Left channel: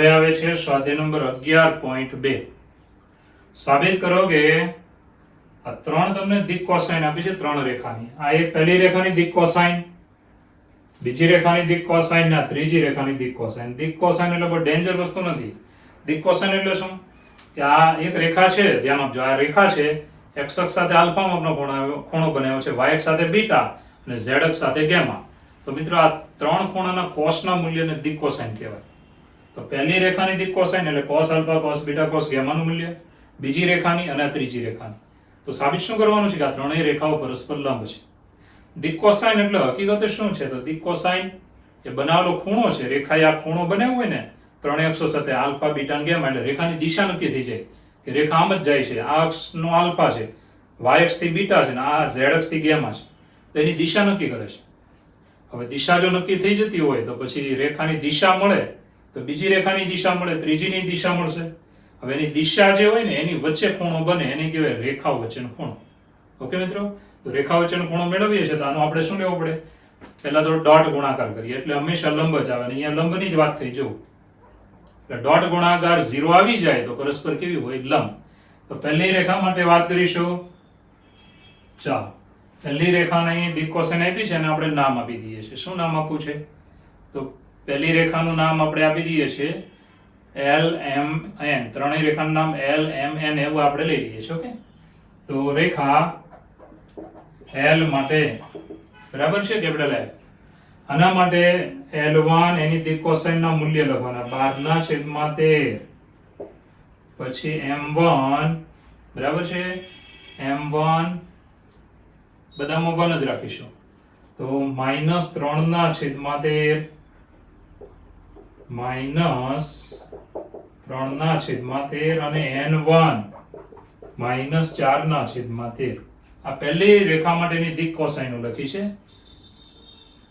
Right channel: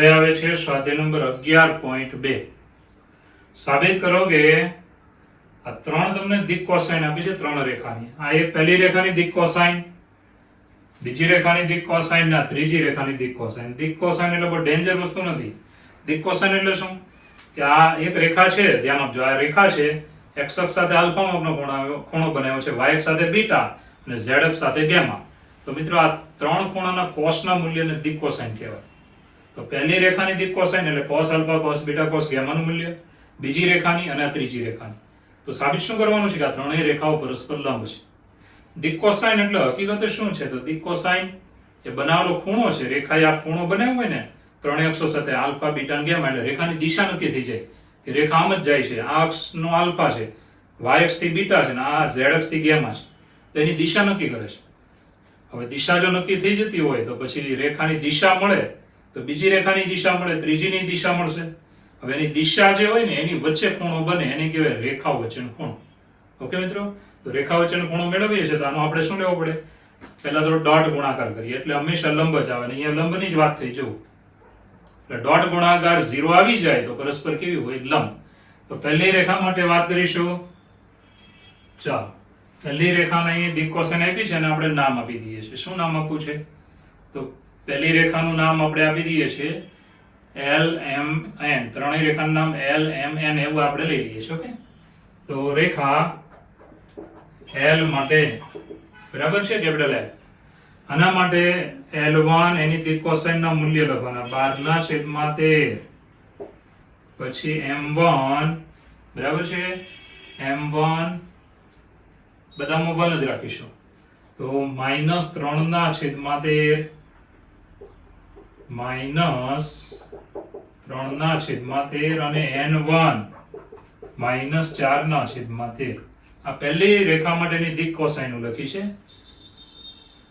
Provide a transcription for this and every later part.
હવે આવે છે સ્વાધ્યાય નંબર 11.2. સાબિત કરો કે આ ત્રણ તમને દિક કોસાઇન આપી છે ત્રણ રેખાની. આ એક પહેલી રેખાની દિક કોસાઇન, બીજી રેખાની દિક કોસાઇન ના ત્રીજી રેખાની દિક કોસાઇન. દિક કોસાઇન એટલે બહુ ડેન્જર વસ્તુ નથી. દિક કોસાઇન એટલે શું કે આ એક રેખા છે, ધ્યાન આપજો, આ રેખા છે, x અક્ષ સાથે આલ્ફા માપનો ખૂણો બનાવ્યો છે, y અક્ષ સાથે બીટા અને z અક્ષ સાથે ગામા. તો મિત્રો આ ત્રણ ખૂણાના કોસના મૂલ્યને દિક કોસાઇન કહેવાય. તો પહેલી રેખાની દિક કોસાઇન એટલે cos alpha cos beta cos ગામાનું મૂલ્ય, બીજી રેખાની અને આ ત્રીજી રેખાની. તો સાબિત શું કરવાનું છે કે આ ત્રણેય રેખાઓ પરસ્પર લંબ છે. દિક કોસાઇન એટલે હકીકતે શું છે? તો દિક કોસાઇન એ બનાવેલો ખૂણો છે. રેખાએ આ ખૂણો બનાવ્યો હોય ને ત્રણેય અક્ષો સાથે આલ્ફા બીટા અને ગામા, એટલે રેખાની દિશા નક્કી થઈ જાય કે રેખા આમ જ જાય છે. આ અક્ષનો આલ્ફા છે, y અક્ષ થી બીટા છે, અને આ z અક્ષ થી ગામા છે. તો એની દિશા નક્કી કરે છે. હવે દિશા જો નક્કી થઈ જતી હોય તો પછી રેખાની દિશા મળે તો બીજી રેખાની દિશા મળે, ત્રીજીની દિશા મળશે. હવે એની દિશા જે હોય ને એની વચ્ચે ખૂણો બને એને કહેવાય રેખાઓ વચ્ચેનો ખૂણો. ઓકે મિત્રો, તો રેખા વચ્ચેનો ખૂણો મેળવીએ છીએ તો આનો આપણે શું લેવો પડે? પહેલા તો ડોટ ગુણાકાર કરીએ એટલે હંમેશા લંબ જ આવે. અહીંયા લંબની જ વાત થઈ જવું એટલે ડોટ ગુણાકાર 0 આવી જાય તો પરસ્પર કેવી હોય? લંબ. તો પહેલી રેખા માટે વાત કરીશું. ચાલો, પહેલી રેખાને અહીં દિક કોસાઇન આપી છે અને આપણે નામ આપી દઈએ છીએ. શું નામ આપવું છે? તો પહેલી રેખાનું નામ આપણે આપી દઈએ છીએ LMN. ત્રણેય રેખાનું નામ LMN એવું આપણે લઈ લઈએ છીએ. ઓકે, તો રેખા L માટે બરાબર છે કેપિટલ L. આના માટે L1 એની દિક કોસાઇન ના મૂલ્ય લખવાના 12/13, પછી M1 બરાબર છે, M1 બધામાં 1 જ રાખીશું તો -3/13 -3/13 અને N1 -4/13. આ પહેલી રેખા માટેની દિક કોસાઇન લખી છે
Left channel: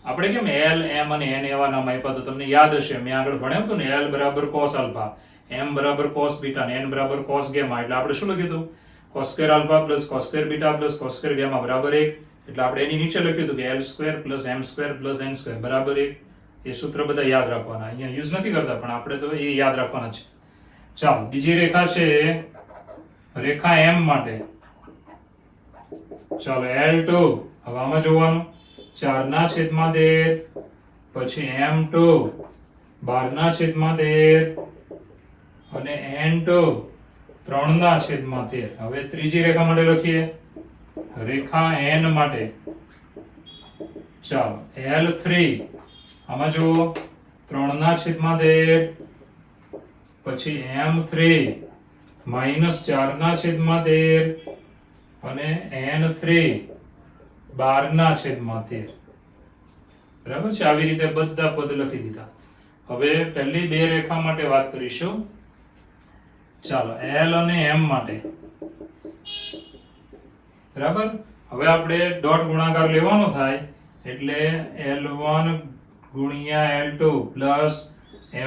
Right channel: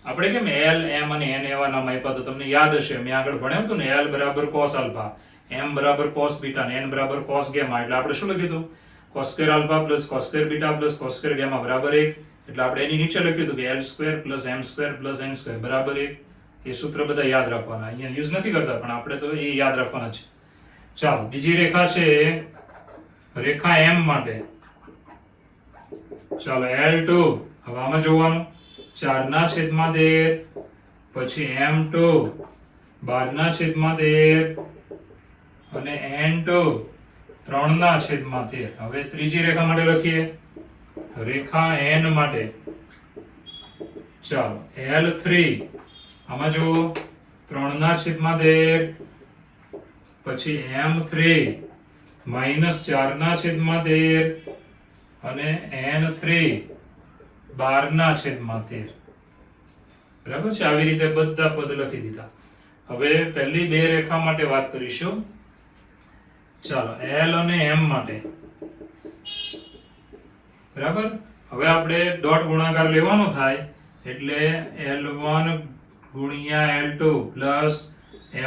આપણે. કેમ L M અને N એવા નામ આપ્યા તો તમને યાદ હશે, મેં આગળ ભણ્યું હતું ને, L બરાબર cos આલ્ફા, M બરાબર cos બીટા અને N બરાબર cos ગામા. એટલે આપણે શું લખ્યું હતું? cos square alpha plus cos square beta plus cos square gamma બરાબર 1. એટલે આપણે એની નીચે લખ્યું હતું કે L square plus M square plus N square બરાબર 1. એ સૂત્ર બધા યાદ રાખવાના, અહીંયા યુઝ નથી કરતા પણ આપણે તો એ યાદ રાખવાના છે. ચાલો, બીજી રેખા છે રેખા M માટે. ચાલો, L2. હવે આમાં જોવાનું 4/13, પછી M2 12/13 અને N2 3/13. હવે ત્રીજી રેખા માટે લખીએ, રેખા N માટે. ચાલો, L3. આમાં જુઓ 3/13, પછી M3 -4/13 અને N3 12/13. બરાબર છે? આવી રીતે બધા પદ લખી દીધા. હવે પહેલી બે રેખા માટે વાત કરીશું. ચાલો, L અને M માટે. બરાબર, હવે આપણે ડોટ ગુણાકાર લેવાનો થાય એટલે L1 ગુણ્યા L2 પ્લસ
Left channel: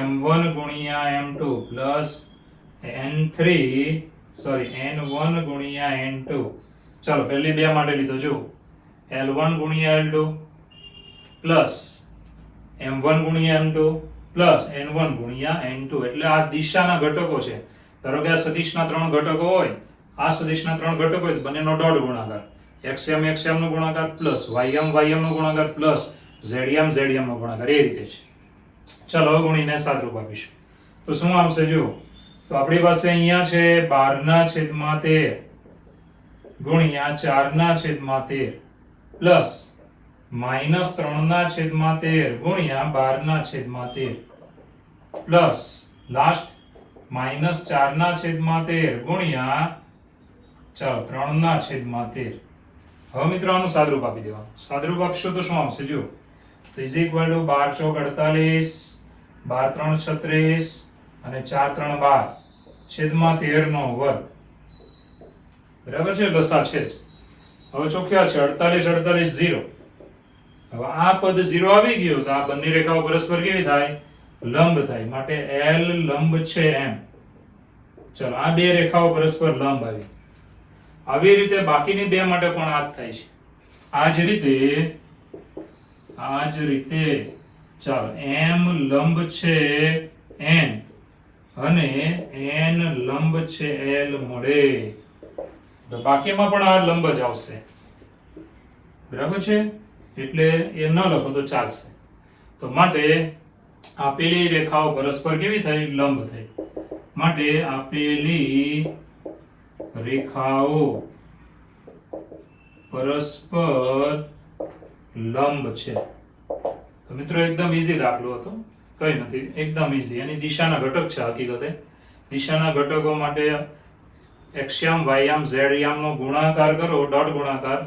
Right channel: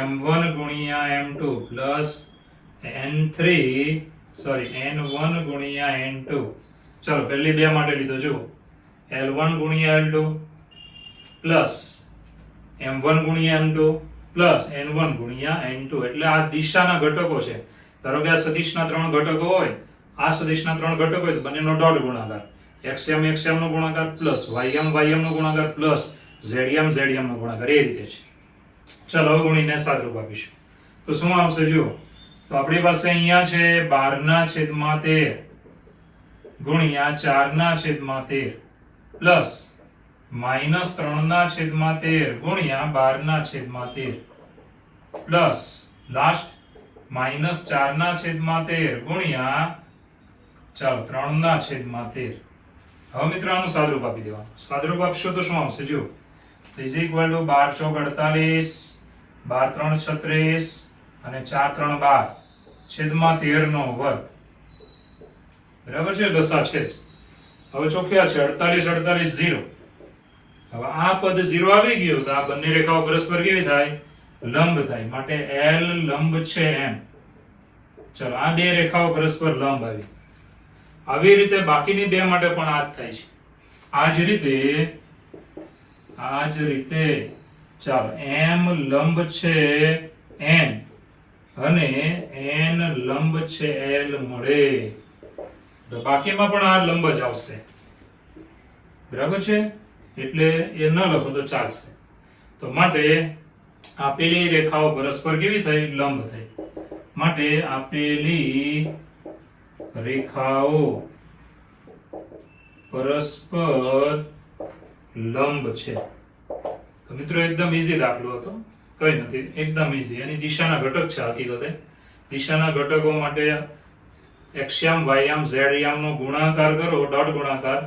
M1 ગુણ્યા M2 પ્લસ N1 ગુણ્યા N2. ચાલો, પહેલી બે માટે લીધો. જુઓ, L1 ગુણ્યા L2 પ્લસ M1 ગુણ્યા M2 પ્લસ N1 ગુણ્યા N2. એટલે આ દિશાના ઘટકો છે. ધારો કે આ સદિશના ત્રણ ઘટકો હોય, આ સદિશના ત્રણ ઘટકો હોય તો બંનેનો ડોટ ગુણાકાર, xm નો ગુણાકાર પ્લસ ym નો ગુણાકાર પ્લસ zm નો ગુણાકાર, એ રીતે છે. ચાલો, હવે ગુણીને સાદરૂપ આપીશું તો શું આવશે? જુઓ, તો આપણી પાસે અહીંયા છે 12/13 ગુણ્યા 4/13 પ્લસ -3/13 ગુણ્યા 12/13 પ્લસ લાસ્ટ -4/13 ગુણ્યા, ચાલો, 3/13. હવે મિત્રો આનું સાદરૂપ આપી દેવાનું. સાદરૂપ આપશો તો શું આવશે? જુઓ, તો ઇઝ ઇક્વલ ટુ 12 × 48, 12 × 3 = 36 અને 4 × 3 = 12/13 બરાબર છે? દશા છે. હવે ચોખ્યા છે 48 48 0. હવે આ પદ 0 આવી ગયું તો આ બંને રેખાઓ પરસ્પર કેવી થાય? લંબ થાય. માટે L લંબ છે M. ચલો, આ બે રેખાઓ પરસ્પર લંબ આવી. આવી રીતે બાકીની બે માટે પણ આ જ થાય છે. આ જ રીતે ચાલો, M લંબ છે N અને n લંબ છે l મળે તો બાકીમાં પણ આ લંબ જ આવશે, બરાબર છે, એટલે એ ન લખો તો ચાલશે. તો માટે આપેલી રેખાઓ પરસ્પર કેવી થઈ? લંબ થઈ. માટે આપેલી રેખાઓ પરસ્પર લંબ છે. તો મિત્રો એકદમ ઈઝી દાખલો હતો, કઈ નથી, એકદમ ઈઝી. એની દિશાના ઘટક છે હકીકતે. દિશાના ઘટકો માટે એક્સયામ, વાયયામ, ઝેડયામનો ગુણાકાર કરો, ડોટ ગુણાકાર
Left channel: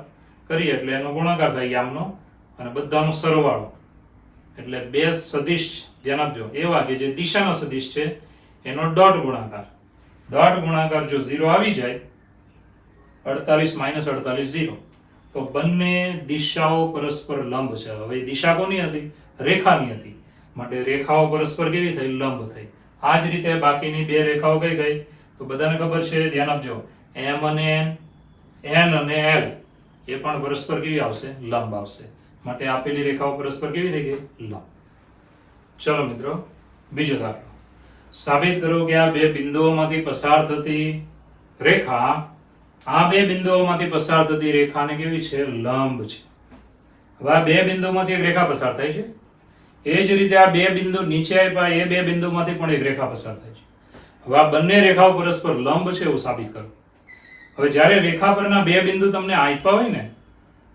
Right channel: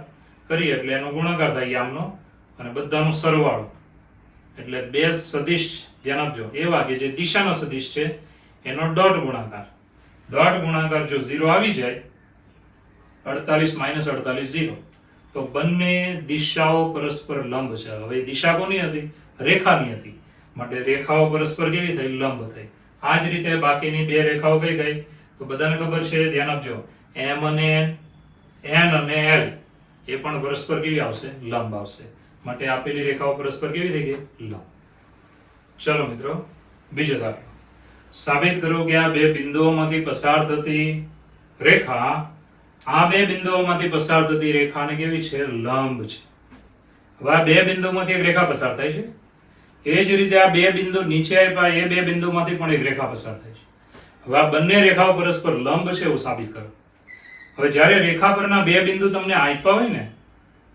કરીએ એટલે એનો ગુણાકાર થાય યામનો, અને બધાનો સરવાળો. એટલે બે સદિશ ધ્યાન આપજો એવા કે જે દિશાના સદિશ છે એનો ડોટ ગુણાકાર. ડોટ ગુણાકાર જો 0 આવી જાય, 48 - 48 0, તો બંને દિશાઓ પરસ્પર લંબ છે. હવે દિશા કોની હતી? રેખાની હતી. માટે રેખાઓ પરસ્પર કેવી થઈ? લંબ થઈ. આ જ રીતે બાકીની બે રેખાઓ કઈ ગઈ? તો બધાને ખબર છે, ધ્યાન આપજો, m અને n અને l એ પણ પરસ્પર કેવી આવશે? લંબ આવશે. માટે આપેલી રેખાઓ પરસ્પર કેવી થઈ ગઈ? લંબ. ચલો મિત્રો, બીજો દાખલો. સાબિત કરો કે આ બે બિંદુઓમાંથી પસાર થતી રેખા આ બે બિંદુઓમાંથી પસાર થતી રેખાને કેવી છે? લંબ છે. હવે આ બે બિંદુમાંથી એક રેખા પસાર થાય છે. એ જ રીતે આ બે બિંદુ નીચે આપ્યા, એ બે બિંદુમાંથી પણ એક રેખા પસાર થાય છે. હવે આ બંને રેખાઓ પરસ્પર લંબ છે એવું સાબિત કરો. હવે જ્યારે રેખા પરના બે બિંદુ તમને આપ્યા હોય ને,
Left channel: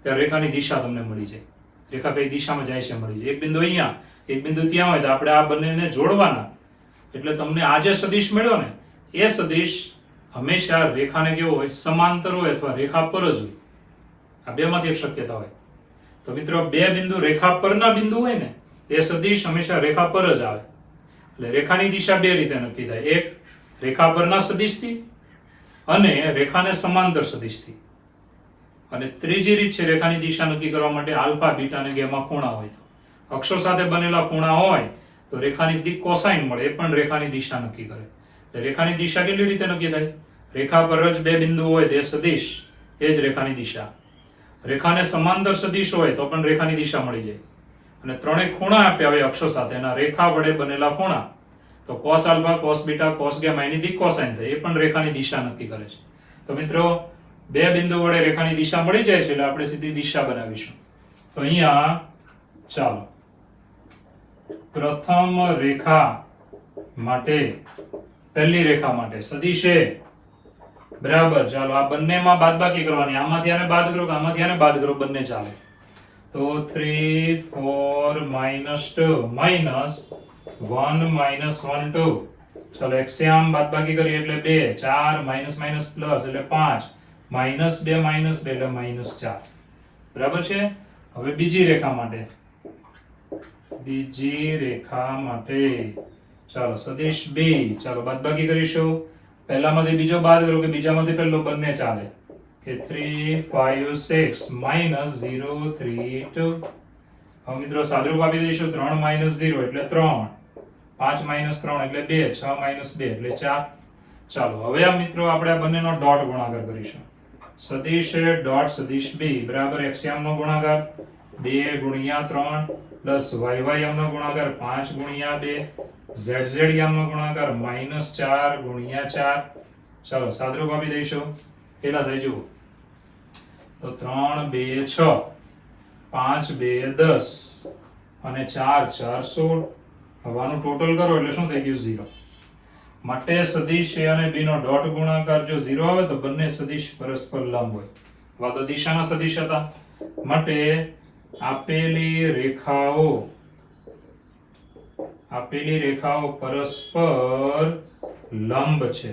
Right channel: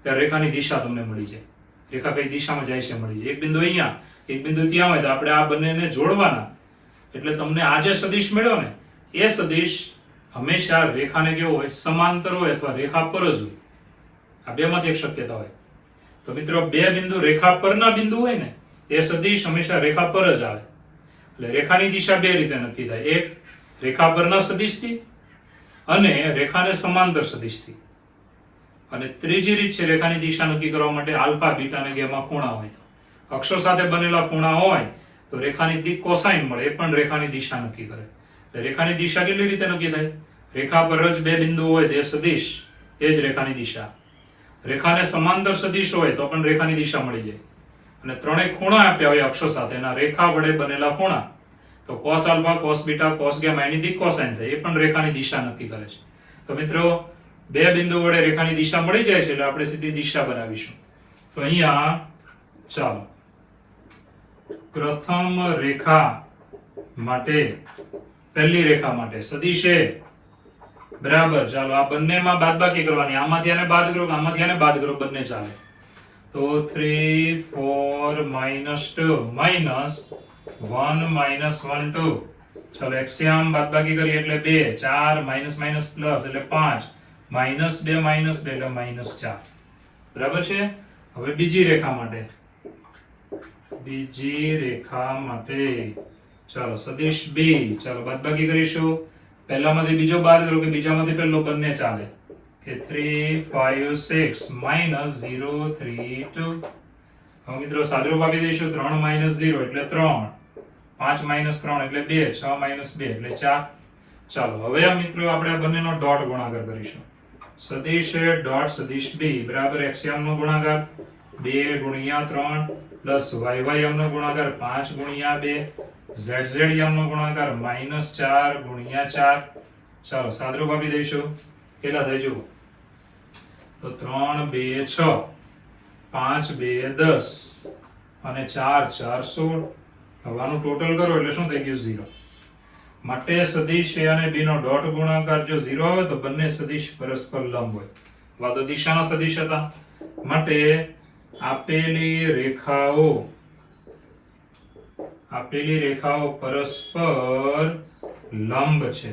ત્યારે રેખાની દિશા તમને મળી જાય. રેખા કઈ દિશામાં જાય છે મળી જાય. એક બિંદુ અહીંયા, એક બિંદુ ત્યાં હોય તો આપણે આ બંનેને જોડવાના. એટલે તમને આ જે સદિશ મળ્યો ને, એ સદિશ હંમેશા રેખાને કેવો હોય? સમાંતર હોય અથવા રેખા પર જ હોય. આ બેમાંથી એક શક્યતા હોય. તો મિત્રો બે બિંદુ રેખા પરના બિંદુ હોય ને, એ સદિશ હંમેશા રેખા પર જ આવે. એટલે રેખાની દિશા બે રીતે નક્કી થાય. એક રેખા પરના સદિશથી અને રેખાને સમાંતર સદિશથી. અને ત્રીજી રીત છે રેખાની દિશા નક્કી કરવા માટે આલ્ફા, બીટા અને ગેમા ખૂણા હોય. અક્ષો સાથે બનેલા ખૂણા હોય તો રેખાની દિક કોસાઇન મળે, એ પણ રેખાની દિશા નક્કી કરે. એટલે રેખાની દિશા કેટલી રીતે નક્કી થાય? રેખા પર જ બે બિંદુ હોય તે સદિશ, એ જ રેખાની દિશા. રેખાને સમાંતર સદિશ હોય તો પણ રેખાની દિશા મળી જાય. અને ત્રણેય ખૂણા આપ્યા હોય અક્ષો સાથે, એના રેખા વડે બનેલા ખૂણા, તો cos alpha, cos beta, cos gamma એની દિક કોસાઇન થાય. એ પણ રેખાની દિશા નક્કી કરે છે. તો મિત્રો બે બિંદુ વડે રેખાની દિશા મળી જાય છે એટલે આપણે સીધી દિશા બનાવીશું. તો અહીંયા ચાલો પ્રથમ રેખા માટે, પહેલી રેખા માટે સદિશ એ બરાબર, ચાલો આ બંનેમાં બાદબાકી કરવાની. આમાંથી આને બાદ કરો કે આમાંથી આને બાદ કરો, બંને ચાલે. તો 3 4 -2 -1 -1 2. ચાલો એક્સયામ બાદબાકી કરીએ એટલે 2, 4 માઇનસ પ્લસ એટલે 5, -2 -2 એટલે -4. બરાબર છે. હવે બીજી રેખા માટે, ચાલો સદિશ b, ચાલો બાદબાકી કરીશું. પહેલામાંથી બીજો બાદ કરો કે બીજામાંથી પહેલો, બંને ચાલે. કે 3 5 6 -0 3 2. હવે મિત્રો સાદુરૂપ આપી દઈશું. 3 - 0 એટલે 3, 5 - 3 એટલે 2, 6 - 2 એટલે 4. ચાલો હવે આ મિત્રો આપણે આ બંનેનો ડોટ ગુણાકાર કરીશું. સદિશ ડોટ સદિશ b બરાબર એક્સયામનો ગુણાકાર 2 × 3 પ્લસ વાયવાયમનો ગુણાકાર 5 × 2, ઝેડઝેડયામનો ગુણાકાર -4 × 4. ચાલો સાદુરૂપ આપી દઈશું. કેટલા થઈ જુઓ તો 3 2 6, 5 2 10 અને 4 4 16. હવે આનું ટોટલ કરો એટલે શું થઈ ગયું? 0. માટે સદિશ a અને b નો ડોટ ગુણાકાર જો 0 આવે તો બંને સદિશ પરસ્પર લંબ હોય. આ તો દિશાના સદિશ હતા. માટે આપેલી રેખાઓ પરસ્પર લંબ છે.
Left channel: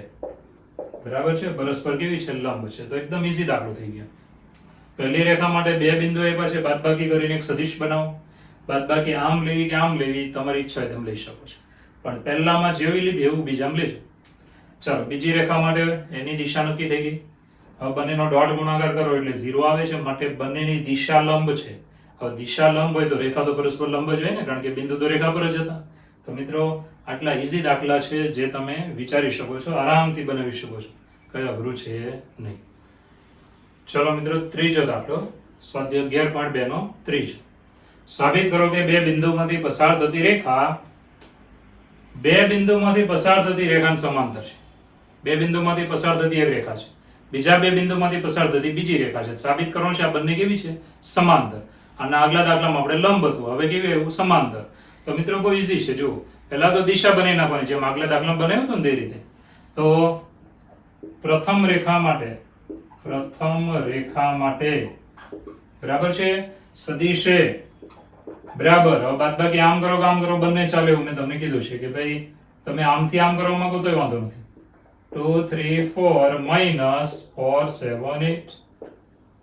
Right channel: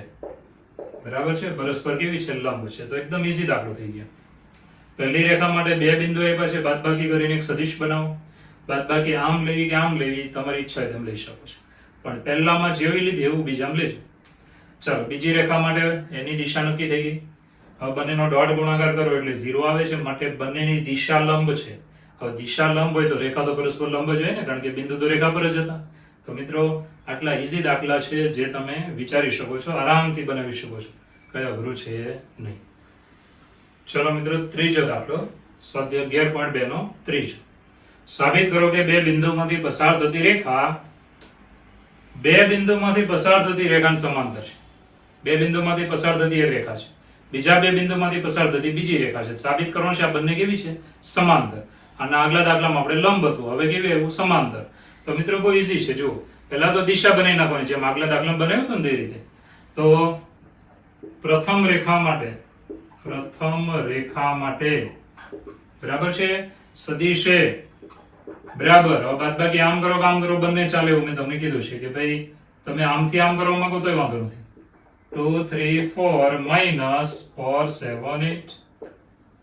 બરાબર છે. પરસ્પર કેવી છે? લંબ છે. તો એકદમ ઈઝી દાખલો થઈ ગયો. પહેલી રેખા માટે બે બિંદુ આપ્યા છે, બાદબાકી કરીને એક સદિશ બનાવો. બાદબાકી આમ લેવી કે આમ લેવી તમારી ઈચ્છા હોય તેમ લઈ શકો છો, પણ પહેલામાં જેવી લીધી એવું બીજામાં લેજો. ચાલો બીજી રેખા માટે એની દિશા નક્કી થઈ ગઈ. હવે બંનેનો ડોટ ગુણાકાર કરો એટલે 0 આવે છે. માટે બંનેની દિશા લંબ છે. હવે દિશા લંબ હોય તો રેખા તો પરસ્પર લંબ જ હોય ને, કારણ કે બિંદુ તો રેખા પર જ હતા. તો મિત્રો આટલા ઈઝી દાખલા છે જે તમે વિચારી શકો છો, આરામથી બનાવી શકો છો, કઈ અઘરું છે નહીં. ચલો મિત્રો ત્રીજો દાખલો, સ્વાધ્યાય 11.2 નો ત્રીજો. સાબિત કરો કે બે બિંદુમાંથી પસાર થતી રેખા બે બિંદુમાંથી પસાર થતી રેખાને સમાંતર છે. બે બિંદુમાંથી પસાર થતી એક રેખા છે, બીજા બે બિંદુમાંથી પસાર થતી બીજી રેખા છે. સાબિત કરવાનું છે આ બંને કેવી છે? સમાંતર. અને આગલા દાખલામાં આપણે લંબ હતું, હવે કેવી આવ્યું? સમાંતર. તો મિત્રો બહુ ઈઝી છે. જુઓ, પહેલા તો દિશા બનાવી નાખવાની, જેમ આગલા દાખલામાં બનાવ્યું હતું ને તે રીતે. તો પ્રથમ રેખા માટે બરાબર છે સદિશ એ બરાબર. હવે બાદબાકી આમ કરો કે આમ કરો બંને ચાલે એવું મેં તમને કીધું છે કે ભાઈ તમે આમથી આમ કરવા માંગો તોય વાંધો નથી. 2 3 4 minus 4 7 8.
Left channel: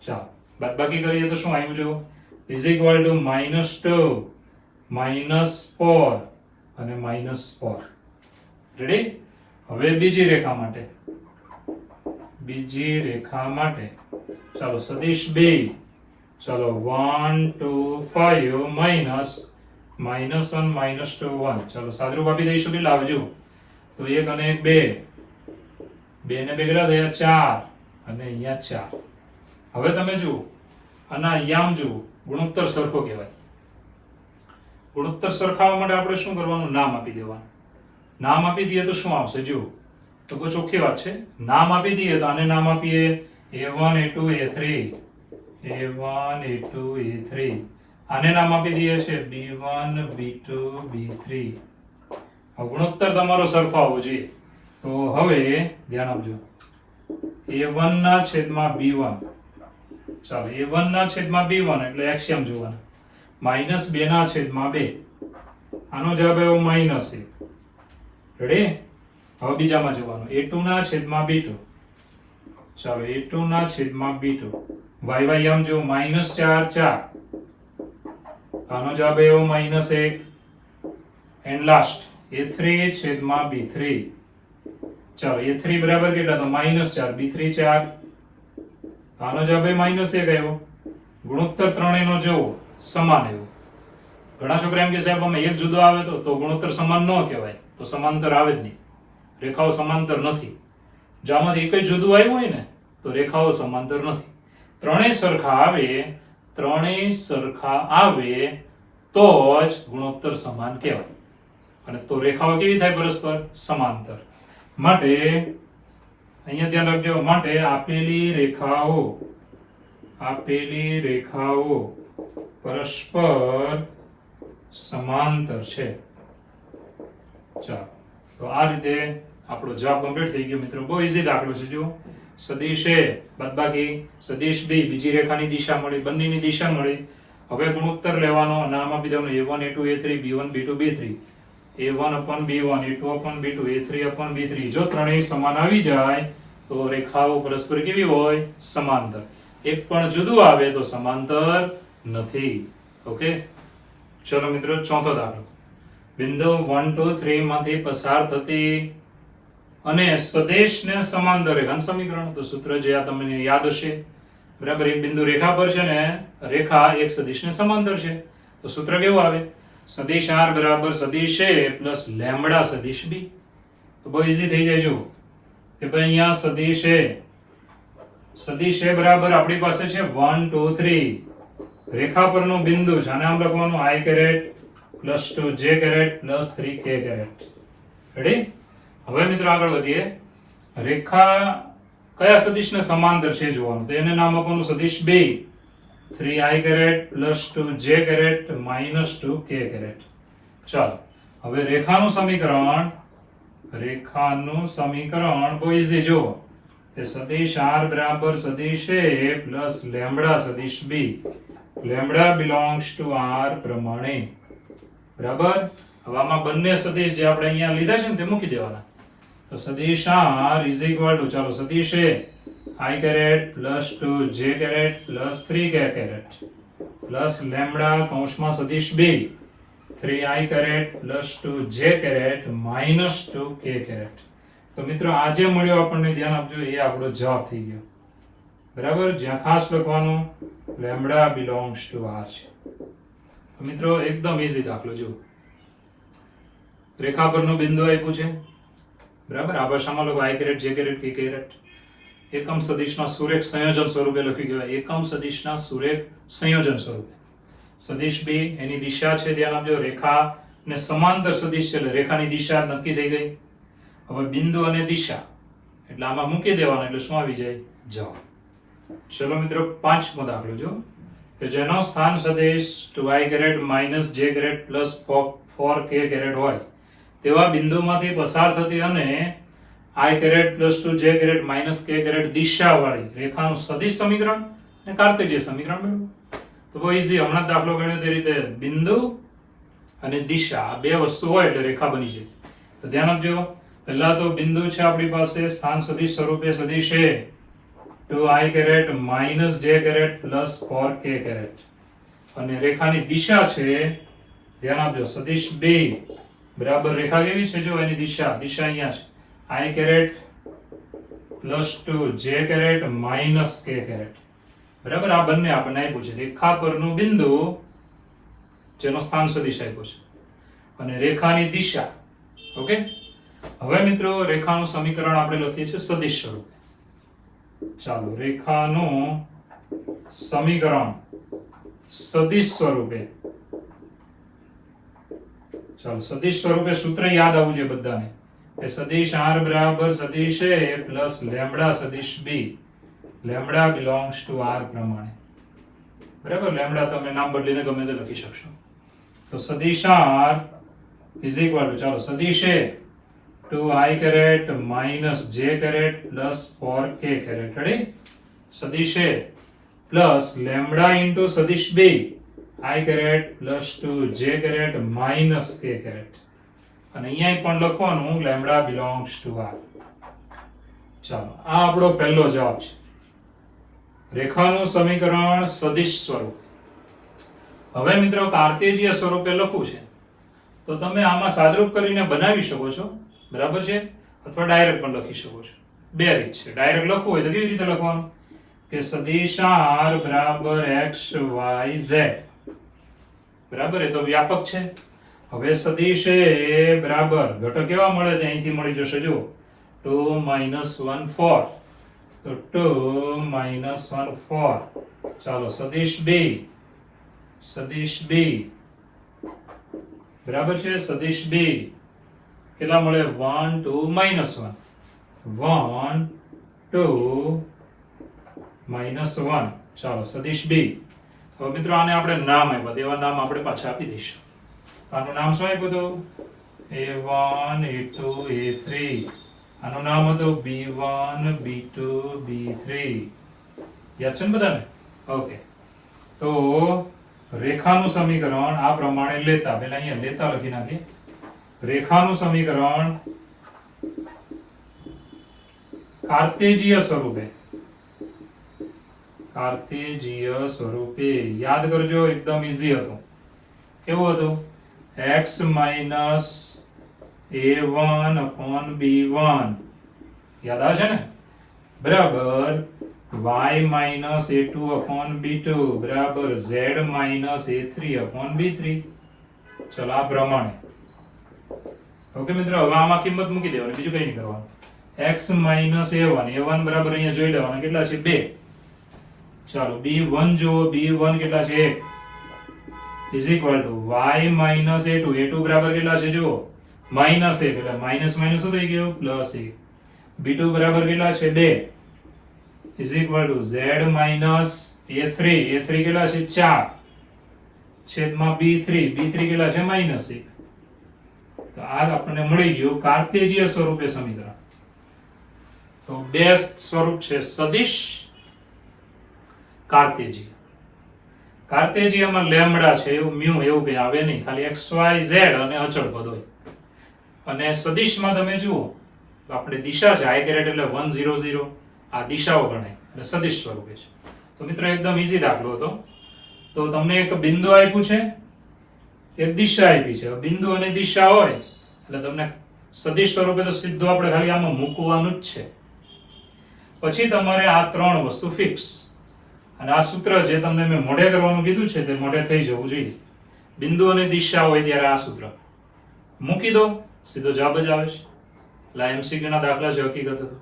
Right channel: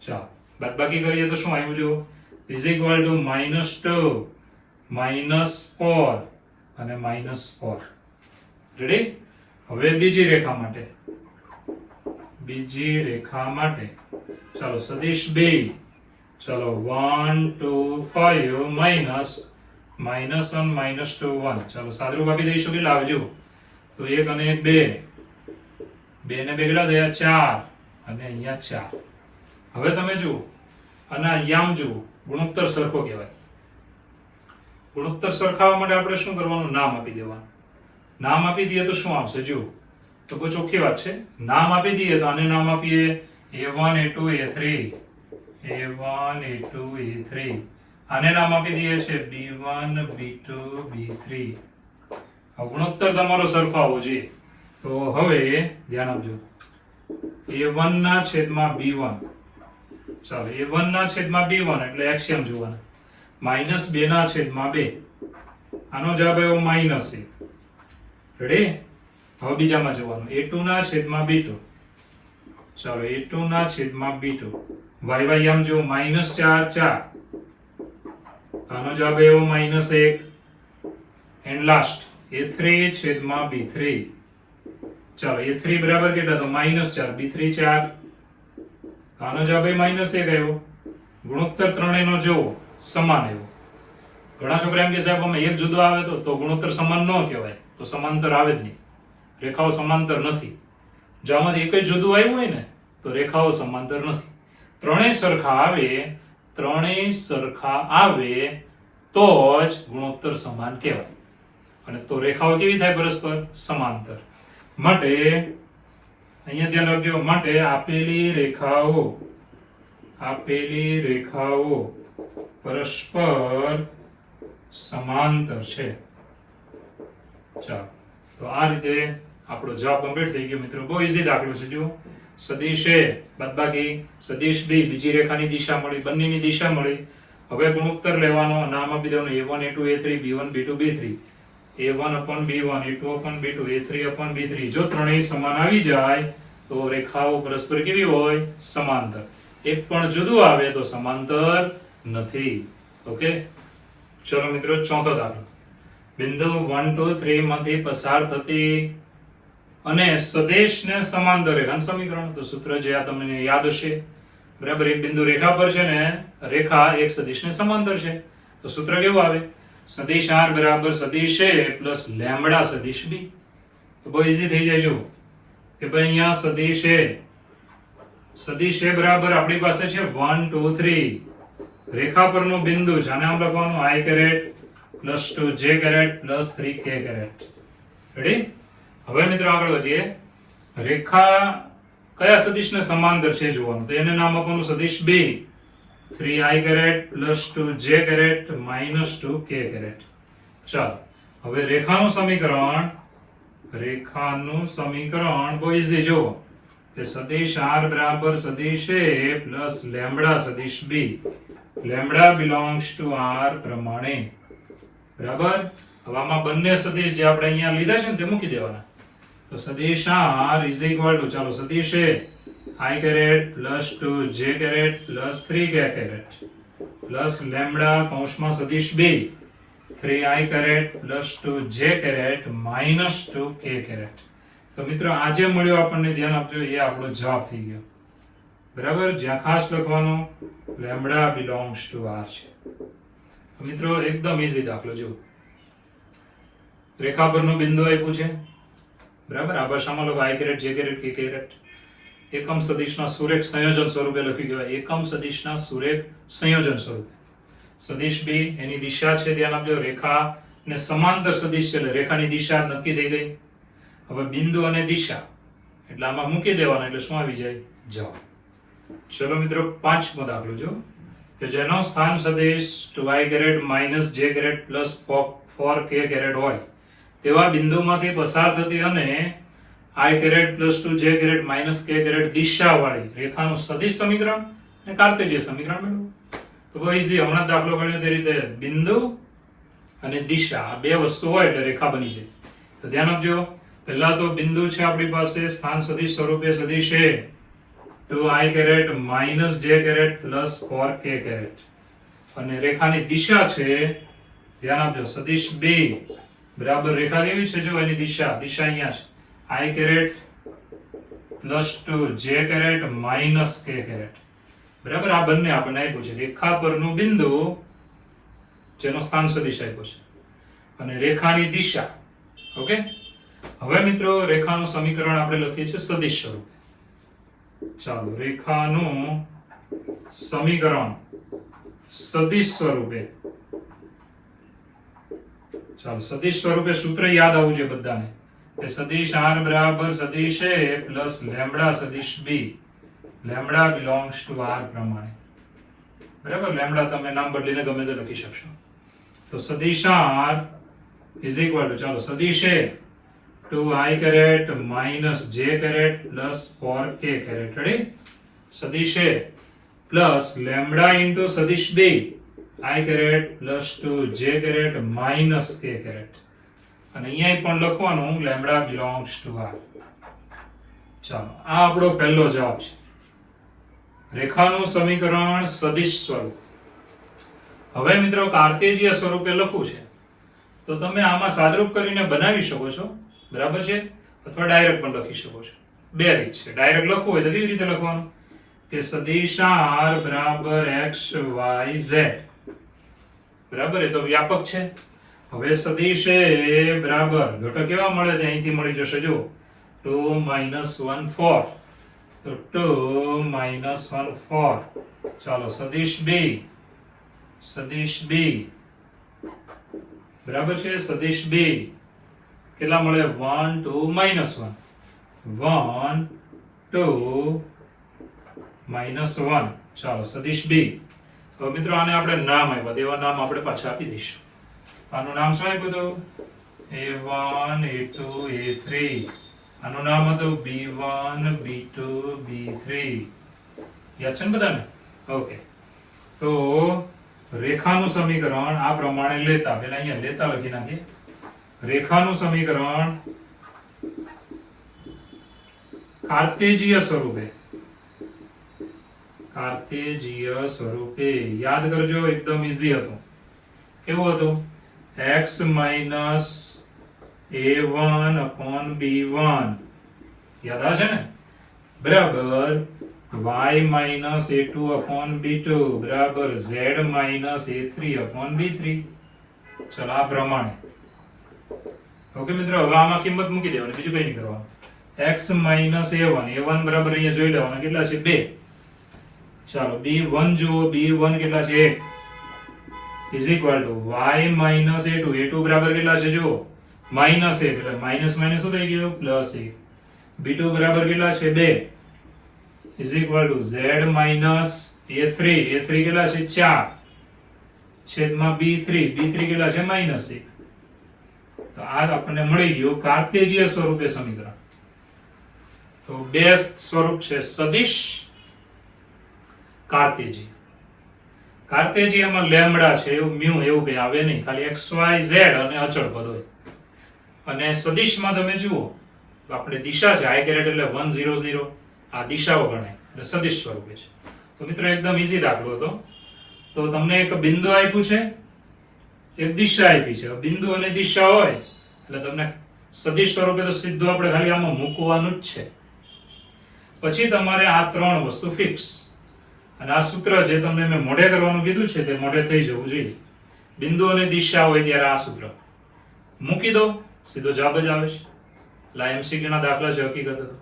ચાલો બાદબાકી કરીએ તો શું આવ્યું? જો is equal to -2 -4 અને -4. રેડી? હવે બીજી રેખા માટે ચાલો સદિશ B. ચાલો 1 2 5 minus -1 -2 1. ચાલો સાદરૂપ આપી દઈશું. કેટલા આવે જો? તો 1 અને 1 2. 2 ને 2 કેટલા થયા? 4 અને અહીંયા 4. હવે તમે જુઓ અને અહીંયા આમ જુઓ, ગુણોત્તર સરખો કહેવાય. ગુણોત્તર સરખાવવા માટે આપણે શું કરવાનું? નામ આપી દેવાનું. નામ આપી દઈએ તો શું આવશે? જુઓ તો બહુ ચોખ્ખી વાત છે. નામ આપી દઈએ તો આને નામ આપીએ A1 A2 A3. A1 A2 A3. આને નામ આપી દઈએ છે B1 B2 B3. આ ગુણોત્તર તમારો સરખો આવવો જોઈએ. તો હવે ધ્યાન આપજો, A1 ના છેદમાં B1. ચાલો A1 ના છેદમાં B1 એટલે એક્સિયમ જોવાના. -2 ના છેદમાં 2. આનો જવાબ આવ્યો -1. રેડી? હવે બીજામાં જવાનું. A2 ના છેદમાં B2. ચાલો A2 ના છેદમાં B2. y આમ જો -4 4. આનો જવાબ આવ્યો -1. એન્ડ લાસ્ટ A3 છેદમાં B3. ચાલો A3 બરાબર કેટલા? તો -4 B3 4. આનો જવાબ -1 આવ્યો. ગુણોત્તર ત્રણેયનો જો સમાન આવ્યો. ઘણા છોકરા એમ કે સાહેબ અમે એક જુદો આવે તો ગુણોત્તર સમાન ન કહેવાય, તો સમાંતર આવે જ નહીં. રેખાઓ સમાંતર નથી. જો આમાંથી એક જ જુદું આવ્યું હોય ને તો રેખાઓ સમાંતર નથી. ત્રણેય સરખા આવે તો જ ગુણોત્તર સમાન કહેવાય. અને તો રેખાઓ કેવી થાય? પરસ્પર સમાંતર. માટે અહીંયા ધ્યાન રાખજો, માટે આપેલી રેખાઓ પરસ્પર સમાંતર છે. ચાલો તો આ રીતે આપણો જવાબ કમ્પ્લીટ થઈ ગયો મિત્રો. બહુ ઈઝી દાખલો છે. જો સદિશ A બાદબાકી સદિશ B, બીજી રેખાની દિશા મળી, બંનેની દિશા મળી. હવે ગુણોત્તર લેવાનો, નામ આપી દેવાનું A1 A2 A3 B1 B2 B3. A1 upon B1 A2 upon B2 A3 upon B3. જો ત્રણેય સમાન આવી જાય તો રેખાઓ પરસ્પર કેવી હોય? સમાંતર. એક પણ જુદું આવે તો સમાંતર નથી. ઓકે, ચલો મિત્રો ચોથો દાખલો. બિંદુ 1 2 3 માંથી પસાર થતી અને સદેશને સમાંતર રેખાનું સમીકરણ. તો સૂત્ર જે આ તમને યાદ હશે બરાબર. એક બિંદુ રેખા પર છે ને રેખા એક સદિશને સમાંતર છે. તો સૂત્ર કેવું આવે? સદિશ R બરાબર સદિશ A પ્લસ લેમ્બડા સદિશ B. તો બહુ ઈઝી થઈ જાય. જો કે ભાઈ અહીંયા સદિશ A બરાબર આપણી પાસે છે 1 2 3. રેખા પરનો બિંદુ છે, આને આમ લખવાનું I caret plus 2 J caret plus 3 K caret. Ready? હવે મિત્રો આગળ વધીએ. રેખા કયા સદિશને સમાંતર છે જોવાનું. તો એને નામ આપવાનું સદિશ B. 3I caret plus 2J caret minus 2K caret. ચાલો હવે રેખાનું સમીકરણ બહુ ઈઝી. જો કે સદિશ R બરાબર સદિશ A પ્લસ લેમ્બડા સદિશ B. Lambda belongs to R પ્રમાણે બરાબર. હવે આમાં બંને સદિશ જે આપણે અહીંયા લીધા છે ને તે મૂકી દેવાના. તો સદિશ R ઇઝ ઇક્વલ ટુ, ચાલો સદિશ A I caret plus 2J caret plus 3K caret plus lambda કૌંસમાં સદિશ B 3I caret plus 2J caret minus 2K caret. તો મિત્રો આ જે મળ્યું આપણને ધ્યાન આપજો, એ આપણો જવાબ થઈ ગયો બરાબર. જ્યાં ખાસ લખવાનું લેમ્બડા બિલોંગ્સ ટુ R છે. તો મિત્રો એકદમ ઈઝી દાખલો. જો રેખા પરનું બિંદુ આપ્યું છે બરાબર. આ ભાષામાં લખો I caret J caret K caret. એકમ સદિશના સુરેખ સંયોજન સ્વરૂપે લખી કહેવાય. એકમ સદિશના સુરેખ સંયોજન સ્વરૂપે. સદિશ B એની દિશા છે ધ્યાન આપજો રેખા ને સમાંતર સદિશ છે એટલે રેખાની દિશા નક્કી થઈ ગઈ. હવે બિંદુ અને દિશા એટલે આમાં મૂકી દેવાના એટલે શું આવી જાય? જવાબ. ચલો મિત્રો, પાંચમો દાખલો જો કે જેનો સ્થાન સદિશ 2i minus j plus 4k હોય તેવા બિંદુમાંથી પસાર થતી અને i plus 2j minus k દિશાવાળી રેખાનું સદિશ સમીકરણ અને કાર્તેજીય સમીકરણ મેળવો. તો બહુ ઈઝી. હમણાં દાખલો ગણ્યો તે રીતે બિંદુ અને દિશા આ બે વસ્તુ હોય એટલે રેખા બની જાય. તો ધ્યાન આપજો. પહેલા તો બિંદુ છે આપણી પાસે સ્થાન સદિશ સ્વરૂપે સદિશ છે 2i minus j plus 4k અને રેખાની દિશા છે, ધ્યાન આપજો, સદિશ 2 બરાબર રેખા કેવી છે? જો એની દિશા અહીંયા છે i plus 2 j minus k બરાબર. આ બંને આપણને આપ્યું છે. રેખા પરનું બિંદુ જેનો સ્થાન સદિશ આપ્યો છે અને રેખાની દિશા. ઓકે. હવે મિત્રો રેખાનું સમીકરણ આપણે લખીએ છીએ સદિશ સ્વરૂપે. ચાલો, રેખાનું સમીકરણ સદિશ સ્વરૂપે. ચાલો, સદિશ સ્વરૂપે સૂત્ર યાદ આવવું જોઈએ બધાને કે સદિશ r બરાબર સદિશ a પ્લસ લેમ્બડા સદિશ b. Lambda belongs to r પ્રમાણે. બરાબર. લેમ્બડા તમે નામ બદલીને ગમે તે લખી શકશો. તો સદિશ r ઇઝ ઇક્વલ ટુ, ચાલો, સદિશ a 2i minus j plus 4k ready. સદિશ a પ્લસ લેમ્બડા ઇન્ટુ સદિશ b i plus 2j minus k અને અહીંયા પણ લખવાનું લેમ્બડા બિલોંગ્સ ટુ r. ચાલો, આ આપણો પહેલો જવાબ છે. રેખાનું સમીકરણ સદિશ સ્વરૂપ. હવે મિત્રો કાર્તેજીય સ્વરૂપે લખવું છે તો તમે આમાં સાદરૂપ કરીને બનાવી શકો છો, બરાબર છે, અથવા ડાયરેક્ટ પણ લખી શકો છો. બે રીત છે. ડાયરેક્ટ લખવું હોય તો કેવી રીતે લખવાનું કે સદિશ r બરાબર x y z. બરાબર. એ તો વ્યાપક છે. હવે સદિશ એ બરાબર ઘટક કેવા મળે છે? અહીંથી મળી જશે જો 2 - 1 4. તો 2 - 1 4. ચાલો, સદિશ b બરાબર છે. સદિશ b કેટલા મળે? 1 2 - 1 1 2 -1. ચાલો, સદિશ b. હવે મિત્રો આને આપણે નામ આપ્યા, એવા નામ આપણે પાછા આપી દઈશું. આનું નામ શું આપ્યું હતું? a1 a2 a3. આનું નામ હતું b1 b2 b3. યાદ છે ને બધાને? ઓકે. તો રેખાનું સમીકરણ આ પ્રમાણે લેતા, પહેલા અહીંયા લેતા લખી નાખીએ. રેખાનું સમીકરણ કાર્તેજીય સ્વરૂપે યાદ કરજો. એકદમ ઈઝી હતું. કેવું હતું? x minus a1 upon b1. યાદ આવે છે ને? બરાબર y minus a2 upon b2 બરાબર z minus a3 upon b3. ચલો, આ પ્રમાણે. ઓકે મિત્રો, હવે આમાં કિંમત મૂકી દેવાની, બીજું કઈ નહીં કરવાનું. x માઇનસ a1 બરાબર અહીંયા જોઈ લેવાના કેટલા છે? 2. ચાલો, b1 જુઓ, b1 કેટલા છે? 1 is equal two y minus a2 બરાબર કેટલા છે? જુઓ, માઇનસ 1 એટલે માઇનસ માઇનસ શું થઈ ગયો? પ્લસ 1. b2 બરાબર કેટલા છે? 2 is equal two z minus a3 કેટલા છે? 4 છેદમાં b3 કેટલા છે? માઇનસ 1. તો આ આપણને મળી ગયું કાર્તેજીય સ્વરૂપે સમીકરણ. તો બે સ્વરૂપ છે, સદિશ, કાર્તેજીય. કાર્તેજીયમાં લેમ્બડા છે, એવું મ્યુ એવું કઈ આવે નહીં, ખાલી x y z અને અચળ પદ હોય. અને સદિશમાં તમે જુઓ આપણે દિશા છે i એટલે 1 0 0. આ દિશાઓ ગણાય એટલે સદિશ સ્વરૂપે છે. તો મિત્રો એકદમ ઈઝી દાખલો હતો. તો તમને એક બિંદુ આપ્યું છે, એક દિશા આપી છે. બિંદુ અને દિશા હોય એટલે તમને સદિશ સ્વરૂપે તો સીધું આપણે ખાલી આમાં મૂકવાનું જ છે. પછી તમારે આ ત્રણ વસ્તુ ફિક્સ, અને આ સૂત્ર જે તમને મેં મોઢે કરવાનું કીધું છે તે મોઢે થઈ જવું જોઈએ. બિંદુ અને દિશા હોય ત્યારે આ સૂત્ર મૂકી દો, સીધો જવાબ જ આવે છે. એટલે એમસીક્યુ ના દાખલા છે, હકીકત હતું.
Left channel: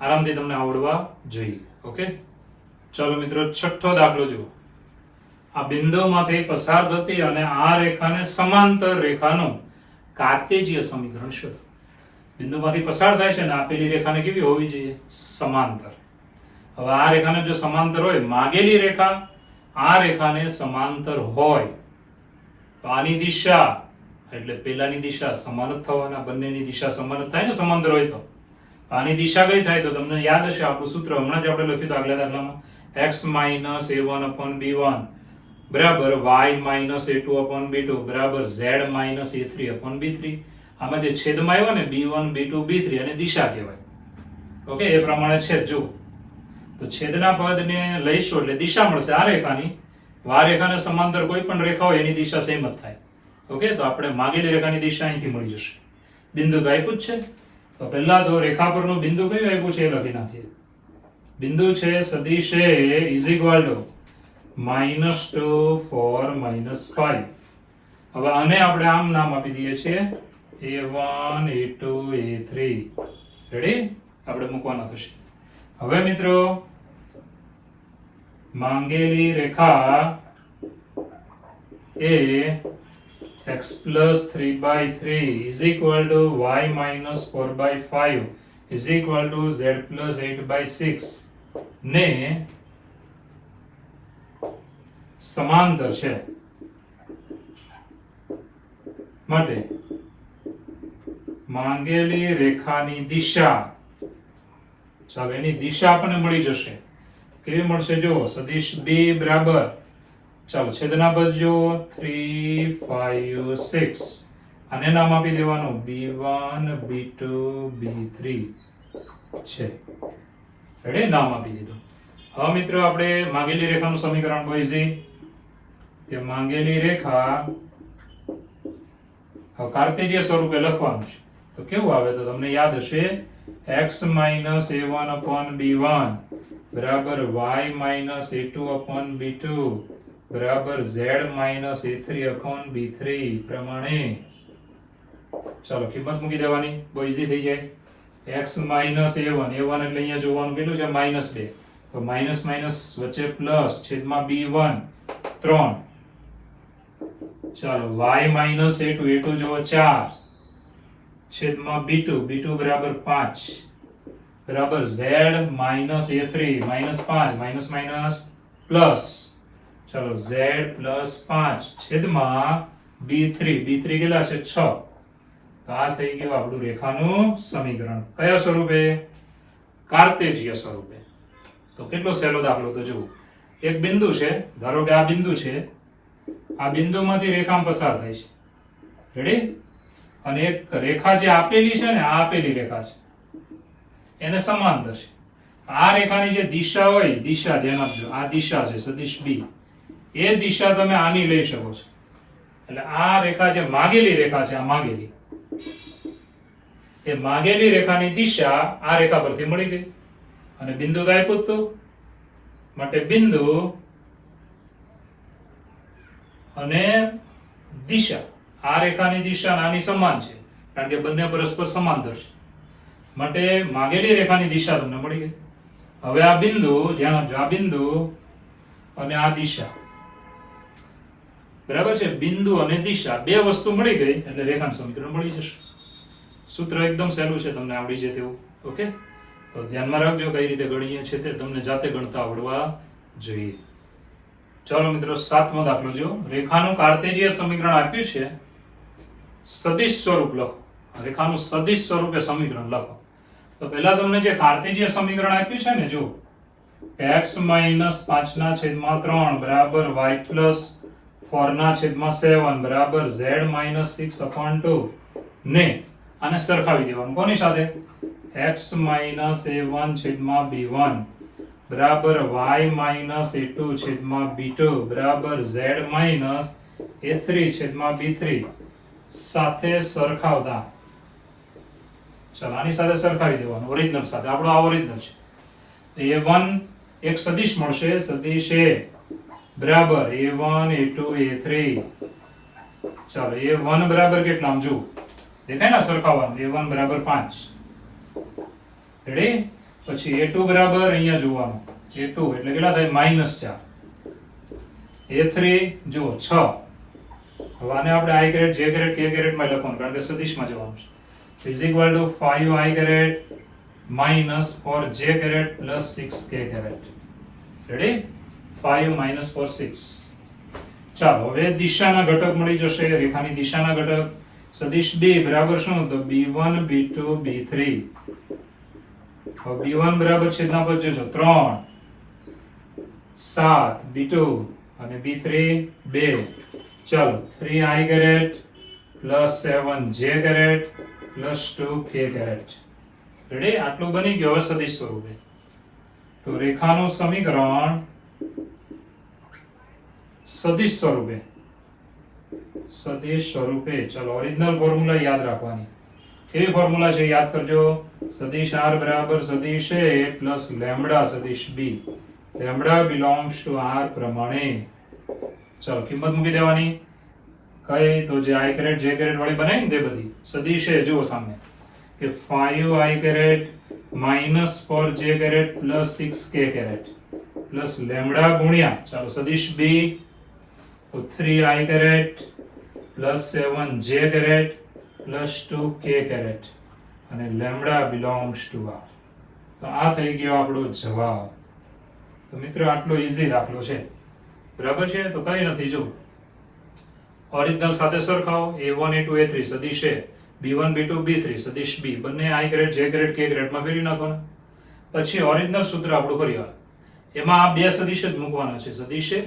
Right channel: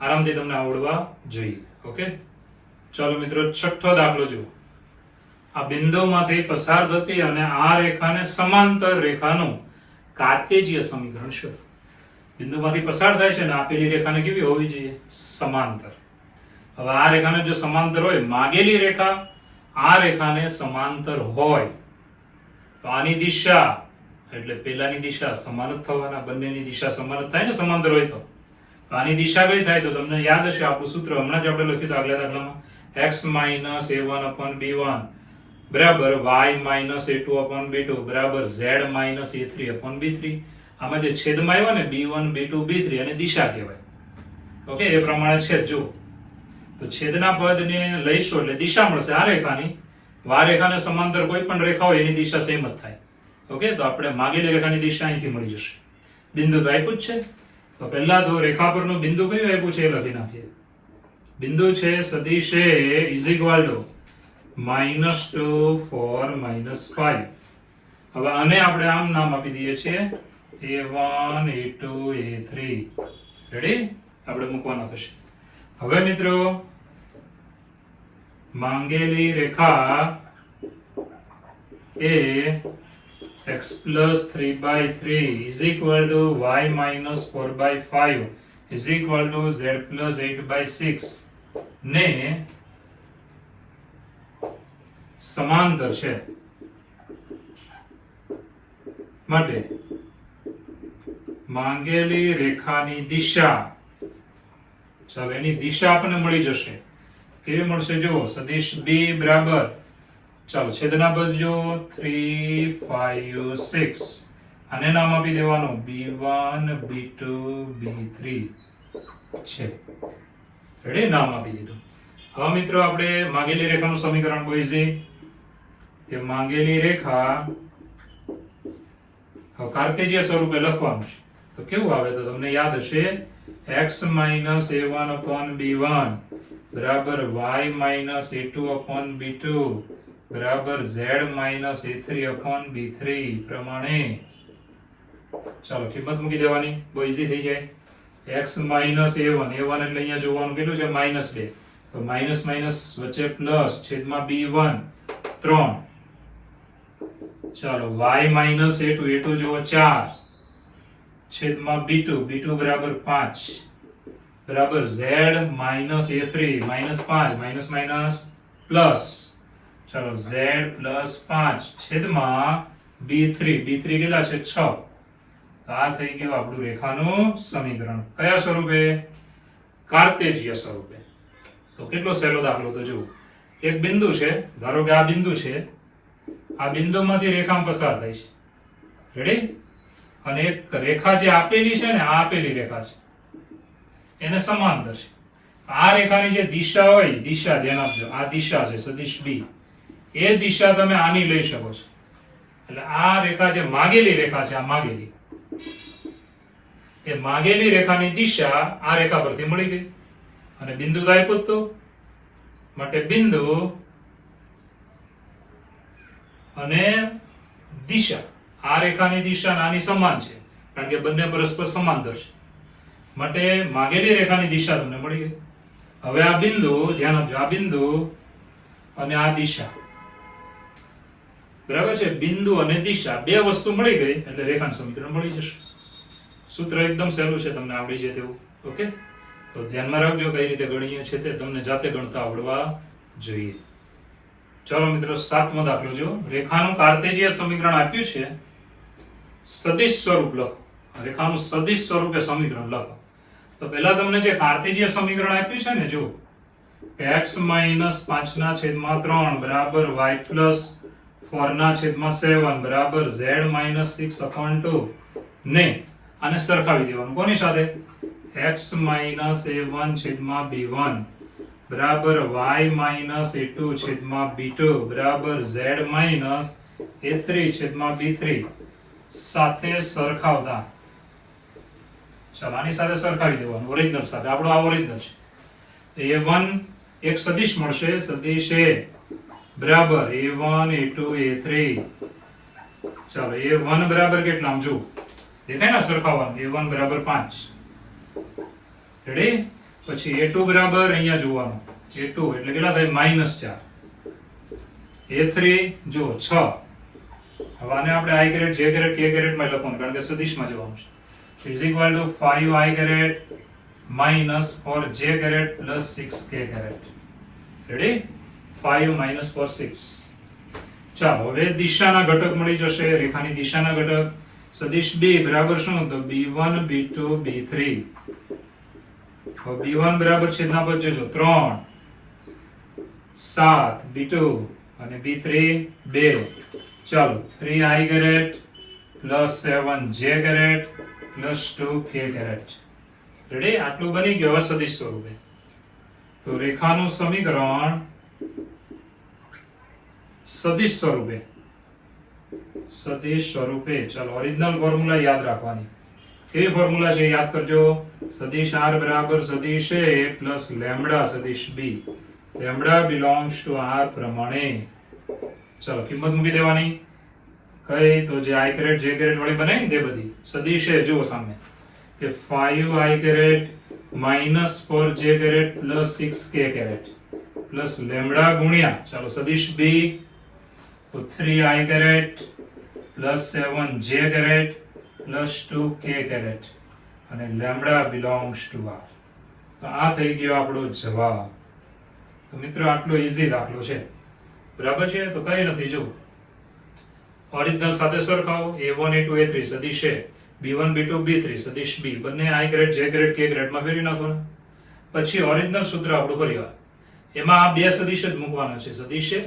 આરામથી તમને આવડવા જોઈએ. ઓકે, ચાલો મિત્રો, છઠ્ઠો દાખલો જુઓ. આ બિંદુમાંથી પસાર થતી અને આ રેખાને સમાંતર રેખાનું કાર્તેજીય સમીકરણ શોધો. બિંદુમાંથી પસાર થાય છે ને આપેલી રેખાને કેવી હોવી જોઈએ? સમાંતર. હવે આ રેખાને જો સમાંતર હોય, માગેલી રેખા આ રેખાને સમાંતર હોય તો આની દિશા એટલે પેલાની દિશા સમાન જ થવાના, બંનેની દિશા સમાન જ થાય ને સમાંતર હોય તો. આની દિશા કઈ થાય તો તમને યાદ હશે આપણું સૂત્ર હમણાં જ આપણે લખ્યું હતું આગલા દાખલામાં, x - a1/b1 બરાબર y - a2/b2 બરાબર z - a3/b3. આમાં જે છેદમાં આવ્યો ને b1 b2 b3 અને દિશા કહેવાય. ઓકે, એ પ્રમાણે છેદ જો તો છેદના પદને લઈશું એટલે દિશા મળશે આ રેખાની. આ રેખાને સમાંતર કોઈ પણ રેખા હોય એની દિશા સેમ જ થાય. ઓકે, તો આપણે માગેલી રેખાની દિશા અહીંથી મળી જશે. બિંદુ તો આપ્યું જ છે. તો પહેલા તો રેખા પરનું બિંદુ કયું આપ્યું છે એ લખી નાખીએ. બિંદુ છે સદિશ A ઇઝ ઇક્વલ ટુ -2 4 -5. હવે આને આપણે આમ નામ આપી દઈએ છીએ a1 a2 a3. રેડી? આપણે મૂકવાના થશે. હવે મિત્રો માંગેલી રેખા એ x plus 3/3 is equal to y minus 4/5 is equal to z plus 8/6 ને સમાંતર છે માટે માંગેલી રેખાની દિશા, ચાલો એની દિશા આપણને મળી જશે. કેવી મળશે? જો સદિશ b બરાબર, ચાલો છેદના પદ જો 3 5 6 આને નામ આપી દેવાનું b1 b2 b3 છે. રેડી? નામ આપી દીધું. હવે મિત્રો આપણે માંગેલી રેખાનું સમીકરણ બોઈઝી કે માંગેલી રેખા કાર્તેજીય સ્વરૂપે લખવાનું છે. તો કેવું આવે તો તમને યાદ હશે x - a1/b1 બરાબર y - a2/b2 બરાબર z - a3/b3 પ્રમાણે. ચાલો કિંમત મૂકી દેવાની, બહુ ઈઝી થઈ જાય. x - a1 એટલે અહીંયા જોવાનું કેટલું છે? -2. તો માઇનસ માઇનસ વચ્ચે પ્લસ છેદમાં b1 3. ચાલો y - a2 જો 4 છેદમાં b2 બરાબર 5 બરાબર z - a3 -5 minus minus plus. ચાલો z plus 5 છેદમાં b3 કેટલા છે? 6. તો આ થઈ ગયું આપણું રેખાનું સમીકરણ. કયા સ્વરૂપે? કાર્તેજીય સ્વરૂપે. તો કેટલો સહેલો દાખલો તો જુઓ. એક બિંદુ છે, ધારો કે આ બિંદુ છે, આ બિંદુમાંથી રેખા પસાર થાય છે. રેડી? અને એક રેખા જે આપેલી છે ને, આ આપેલી રેખા છે, એને સમાંતર છે. આ રેખાની જે દિશા હોય, દિશા ધ્યાન આપજો, આ દિશા છે સદિશ b, એ દિશા તમે આની લઈ શકો છો. એટલે આ રેખા જે માગેલી રેખા છે, આ માગેલી, એ માગેલી રેખાની દિશા આ રેખા પરથી મળી ગઈ. અને બિંદુ તો આપ્યું તો માટે બિંદુ અને દિશા, આ રેખાની દિશા આની સમાન છે કારણ કે બંને પરસ્પર સમાંતર છે. માટે માગેલી રેખાની દિશા તમને મળી ગઈ. હવે આ બિંદુ ધ્યાન આપજો, આ બિંદુ અને આ દિશા બરાબર છે. બિંદુ અને દિશા બે વસ્તુ મળી ગઈ એટલે રેખાનું સમીકરણ મળી જશે. સૂત્ર એકદમ સહેલું છે, તમને આવડી જાય તેવું. ઓકે, તો ધ્યાનમાં રાખજો કઈ રીતે ગણીએ છે તે તમને જાતે ગણતા આવડવા જોઈએ. ચાલો મિત્રો, 7મો દાખલો જો. રેખાનું કાર્તેજીય સમીકરણ આપ્યું છે, સદિશ સ્વરૂપ લખો. રેખાનું સદિશ સ્વરૂપે સમીકરણ લખો. તો પહેલા તમને જે કાર્તેજીય સમીકરણ આપ્યું છે ને, જો x - 5/3 બરાબર y + 4/7 બરાબર z - 6/2 ને આને સરખાવી દેવાનું. કોની સાથે? x - a1/b1 બરાબર y - a2/b2 બરાબર z - a3/b3 સાથે સરખાવતા. ચાલો આની સાથે સરખાવી દેવાનું, ઓરિજિનલ સાથે. આપણો આ ઓરિજિનલ છે. તો a1 એક સદિશ મળશે, સદિશ a બરાબર a1 a2 a3. ચાલો a1 બરાબર કેટલા? આમ જો દેખાય ને, સરખાવવાનું. a1 બરાબર 5. રેડી? પછી a2 બરાબર અહીંયા જોવાનું, a2 એટલે કેટલા થાય? -4. A3 જુઓ 6. હવે આને આપણે i caret j caret k caret માં લખવાનું કારણ કે સદિશમાં જવાનું છે is equal to 5i caret minus 4j caret plus 6k caret ready 5 minus 4 6. ચાલો હવે દિશાના ઘટક મળી જશે રેખાની દિશાના ઘટક સદિશ b બરાબર શું તો b1 b2 b3 તો b1 બરાબર છેદના પર જોજો 3 7 b2 અને b3 2 ચાલો 3i caret plus 7j caret plus 2k caret ready આટલું બની ગયું હવે સદિશ સ્વરૂપે તો રેખાનું સમીકરણ સદિશ સ્વરૂપે ચાલો ઓરિજિનલ ફોર્મ્યુલા યાદ રાખવાની કેવી ફોર્મ્યુલા છે યાદ કરજો સદિશ r બરાબર સદિશ a પ્લસ લેમ્બડા સદિશ b lambda belongs to r પ્રમાણે ચાલો કિંમત મૂકી દેવાની કઈ તો જે i કેરેટ j કેરેટ વાળી બનાવી ને તે બધી સદિશ a જુઓ સામે કે 5i caret minus 4j caret plus 6k caret plus lambda ગુણ્યા ચાલો સદિશ b તો 3i caret plus 7j caret plus 2k caret અને લેમ્બડા બિલોંગ્સ ટુ r તો આ થઈ ગયો આપણો જવાબ તો મિત્રો આટલો ઈઝી દાખલો છે બરાબર છે તો કઈ નથી જો ઓરિજિનલ સાથે સરખાવો a1 a2 a3 સદિશ a b1 b2 b3 સદિશ b બંને i caret j caret k caret માં ફેરવી નાખવાના પછી ઓરિજિનલ સૂત્ર આપણું ફરીવાર એમાં આ બે સદિશ જ મૂકવાના છે સદિશ a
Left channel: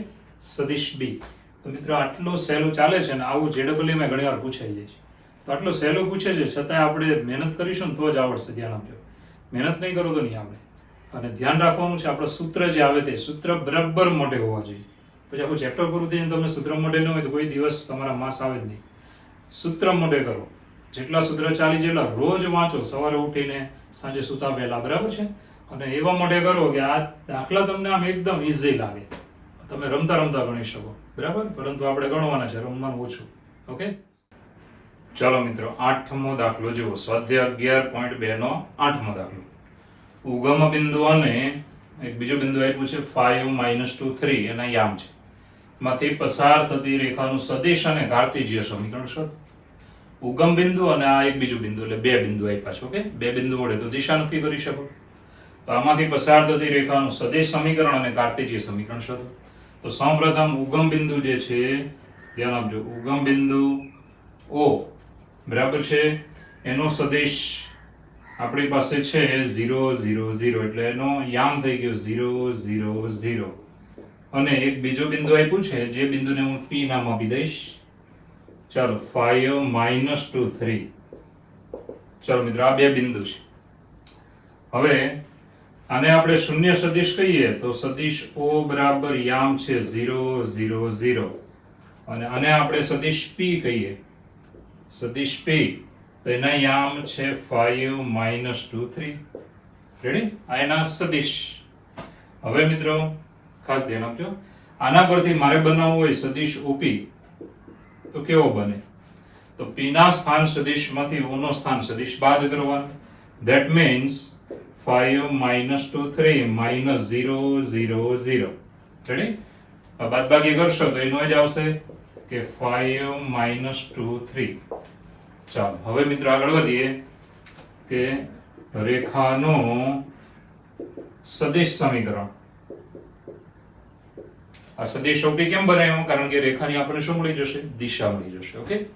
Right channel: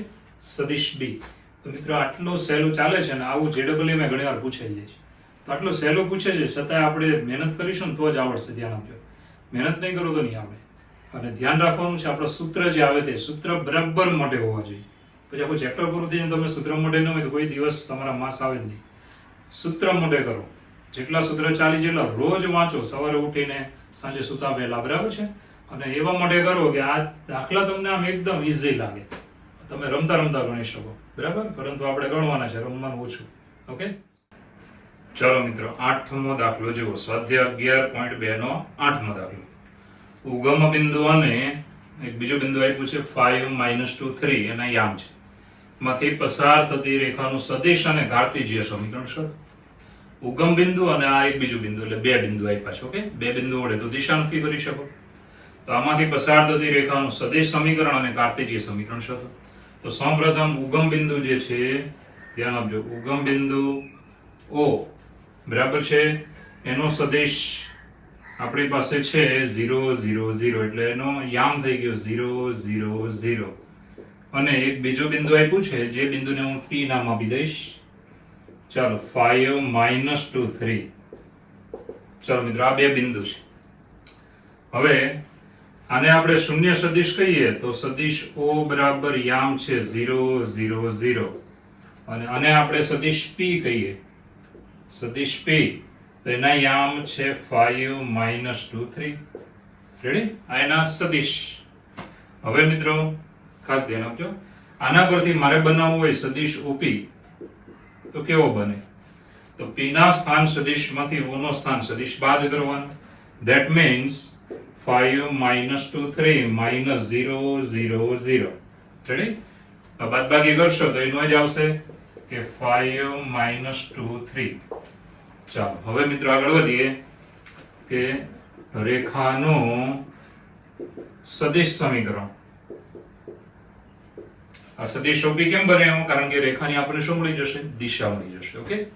સદિશ b તો મિત્રો આટલું સહેલું ચાલે છે અને આવું JEE માં ઘણીવાર પૂછાઈ જાય છે તો આટલું સહેલું પૂછે છે છતાં આપણે મહેનત કરીશું ને તો જ આવડશે ધ્યાન આપજો મહેનત નહીં કરો તો નહીં આવડે અને ધ્યાન રાખવાનું છે આપણું સૂત્ર જે આવે તે સૂત્ર બરાબર મોઢે હોવા જોઈએ પછી આખું ચેપ્ટર પૂરું થઈને તમે સૂત્ર મોઢે ન હોય તો કોઈ દિવસ તમારા માસ આવે જ નહીં સૂત્ર મોઢે કરો જેટલા સૂત્ર ચાલી જેટલા રોજ વાંચો સવારે ઉઠીને સાંજે સૂતા પહેલા બરાબર છે અને એવા મોઢે કરો કે આ દાખલા તમને આમ એકદમ ઈઝી લાગે તમે રમતા રમતા ગણી શકો બરાબર પરંતુ આપણે ગણવાના છે રમવાનું ઓછું ઓકે ચાલો મિત્રો 8મો દાખલો જુઓ સ્વાધ્યાય 11.2 નો 8મો દાખલો ઉગમ બિંદુ અને એક બીજું બિંદુ આપ્યું છે 5 2 3 એના યામ છે માંથી પસાર થતી રેખાનું સદિશ અને કાર્ટેશિયન સમીકરણ શોધો ઉગમ બિંદુ અને આ એક બીજું બિંદુ એટલે બે બિંદુ આપ્યા છે ઓકે બે બિંદુ વડે તો દિશા નક્કી કરી શકો તો આમાંથી પસાર થતી રેખાનું સદિશ સમીકરણ અને કાર્ટેશિયન સમીકરણ શોધો તો સૌપ્રથમ ઉગમ બિંદુ જે છે ધ્યાન આપજો ઉગમ બિંદુ O બરાબર છે એનો સદિશ આપણી પાસે છે 0 0 0 એટલે એનો યામ થઈ ગયો 0 0 0 અને એક બીજું બિંદુ આપ્યું છે જે બિંદુને હું P નામ આપી દઈશ ચાલો 5 2 3 ચાલો મિત્રો આ બે બિંદુ છે હવે આને આપણે શૂન્ય સદિશ કહીએ તો સદિશ O બરાબર યામ છે 0 0 0 અને આને આપણે સદિશ P કહીએ સદિશ P તો એના યામ છે 5 2 3 રેડી આ એના સદિશ હવે મિત્રો ખાસ ધ્યાન આપજો આના પરથી મારે બનાવવું હોય સદિશ OP તો કેવો બને તો P ના સ્થાન સદિશમાંથી O નો સ્થાન સદિશ બાદ કરવાનો that means 5 2 3 -0 0 0 રેડી બાદબાકી કરશો તો એનો જ આવશે કે 5 2 3 ચાલો હવે મિત્રો આગળ વધીએ કે રેખાનું સદિશ સમીકરણ આ સદિશ OP કેમ બને એમ કારણ કે રેખાની આપણને શું મળી જશે દિશા મળી જશે ઓકે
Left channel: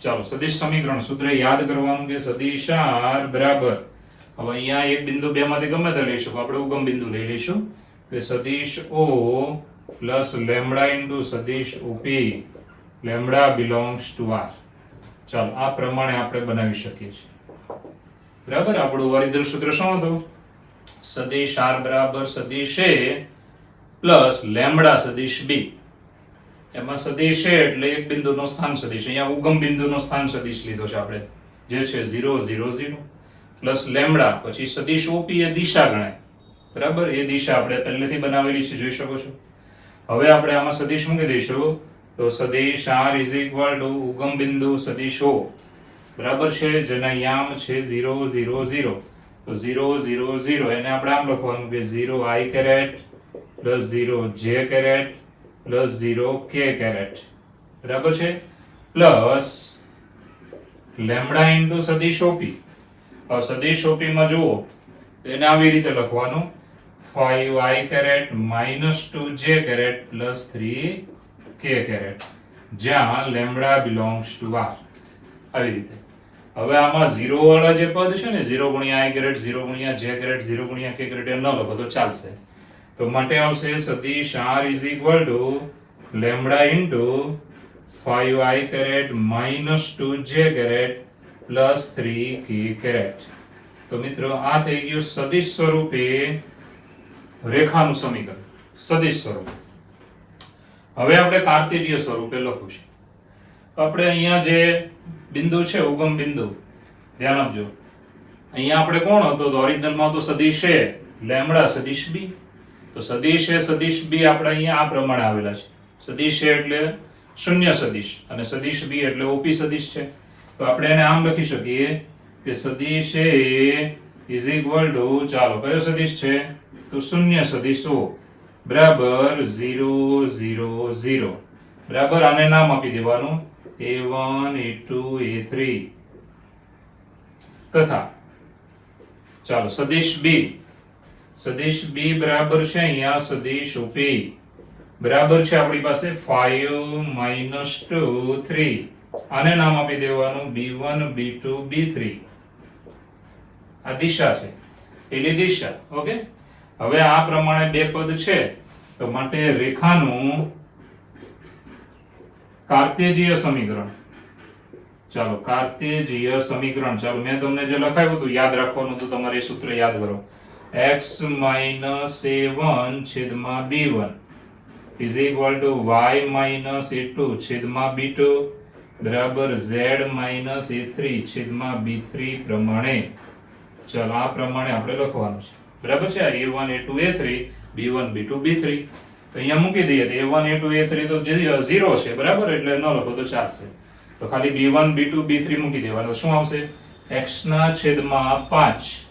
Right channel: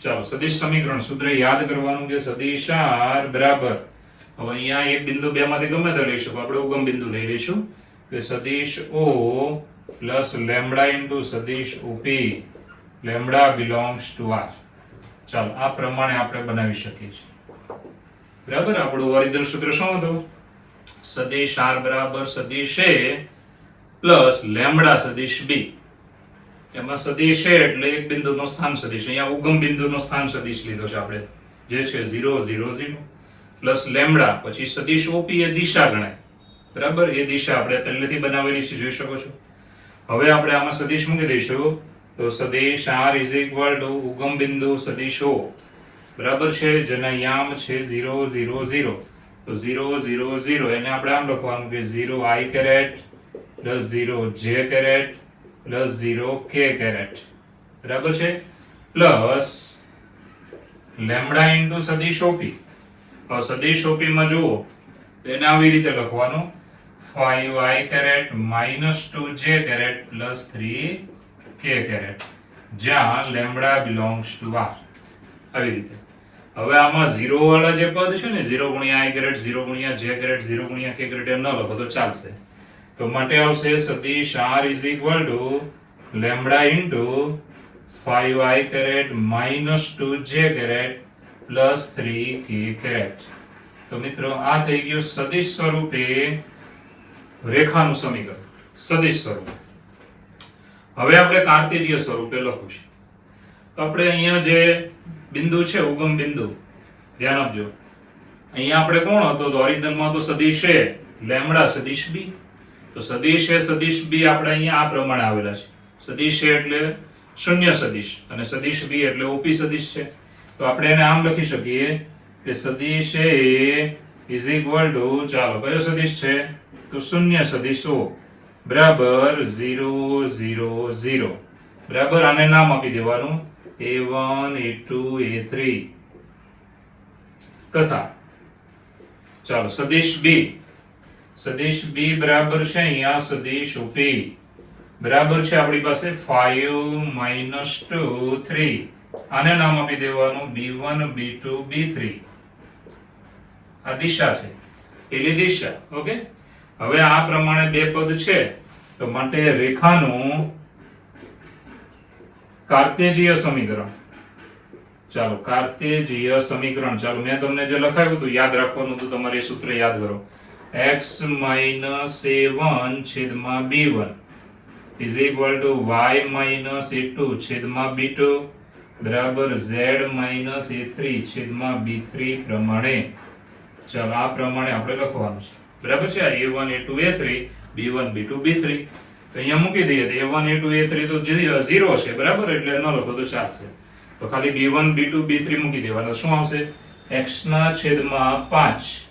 ચાલો સદિશ સમીકરણ સૂત્ર યાદ કરવાનું કે સદિશ r બરાબર હવે અહીંયા એક બિંદુ બે માંથી ગમે તે લઈ શકો આપણે ઉગમ બિંદુ લઈ લઈશું કે સદિશ O પ્લસ લેમ્બડા ઇન્ટુ સદિશ OP lambda belongs to r ચાલો આ પ્રમાણે આપણે બનાવી શકીએ છીએ બરાબર આપણું ઓરિજિનલ સૂત્ર શું હતું સદિશ r બરાબર સદિશ a પ્લસ લેમ્બડા સદિશ b એમાં સદિશ a એટલે એક બિંદુનો સ્થાન સદિશ અહીંયા ઉગમ બિંદુનો સ્થાન સદિશ લીધો છે આપણે જે છે 0 0 0 પ્લસ લેમ્બડા પછી સદિશ OP એ દિશા ગણાય બરાબર એ દિશા આપણે પહેલેથી બનાવેલી છે જોઈ શકો છો હવે આપણે આમાં સદિશ મૂકી દઈશું તો સદિશ r ઇઝ ઇક્વલ ટુ ઉગમ બિંદુ સદિશ O બરાબર છે જેના યામ છે 0 0 0 તો 0 0 0 એને આપણે આમ લખવાનું કે 0 i caret plus 0 j caret plus 0 k caret બરાબર છે પ્લસ લેમ્બડા ઇન્ટુ સદિશ ઓપી. હવે સદિશ ઓપી માં જુઓ એને આવી રીતે લખવાનું 5i caret minus 2j caret plus 3k caret જ્યાં લેમ્બડા બિલોંગ્સ ટુ r. આવી રીતે. હવે આમાં 0 વાળા જે પદ છે ને 0 ગુણ્યા i કેરેટ 0 ગુણ્યા j કેરેટ 0 ગુણ્યા k કેરેટ એ ન લખો તો ચાલશે. તો માટે આવશે સદિશ r is equal to lambda into 5i caret minus 2j caret plus 3k caret. તો મિત્રો આ થઈ ગયું સદિશ સ્વરૂપે રેખાનું સમીકરણ. સદિશ સ્વરૂપે. હવે આપણે કાર્ટેશિય સ્વરૂપે લખવું છે. તો આપણે અહીંયા જે બિંદુ છે ઉગમ બિંદુ ધ્યાન આપજો. અહીંયા આપણે કોણ હતો તો ઓરિજિનલમાં તો સદિશ છે લેમ્બડા સદિશ b. તો સદિશ એ સદિશ b આપણે અહીંયા આ પ્રમાણે આવેલા છે. સદિશ છે એટલે શૂન્ય સદિશ અને સદિશ b એટલે ઓપી સદિશ છે. તો આપણે એને આમ લખી શકીએ કે સદિશ a ઇઝ ઇક્વલ ટુ ચાલો કયો સદિશ છે તો શૂન્ય સદિશ o બરાબર 0 0 0 બરાબર આને નામ આપી દેવાનું a1 a2 a3 તથા ચાલો સદિશ b બરાબર છે અહીંયા સદિશ op બરાબર છે આપણી પાસે 5 2 3 આને નામ આપી દેવાનું b1 b2 b3 આ દિશા છે પેલી દિશા. ઓકે હવે આ પ્રમાણે બે પદ છે તો માટે રેખાનું કાર્ટેશિય સમીકરણ. ચાલો કાર્ટેશિય સમીકરણ ચાલો મેં તમને જે લખાવ્યું હતું યાદ રાખવાનું તો તમારે એ સૂત્ર યાદ કરો. x a1 છેદમાં b1 is equal to y a2 છેદમાં b2 બરાબર z a3 છેદમાં b3 પ્રમાણે. ચાલો આ પ્રમાણે આપણે લખવાનું છે બરાબર છે. a1 a2 a3 b1 b2 b3 તો અહીંયા મૂકી દઈએ તો a1 a2 a3 તો 0 છે બરાબર એટલે ન લખો તો ચાલશે. તો ખાલી b1 b2 b3 મૂકી દેવાના. શું આવશે x ના છેદમાં 5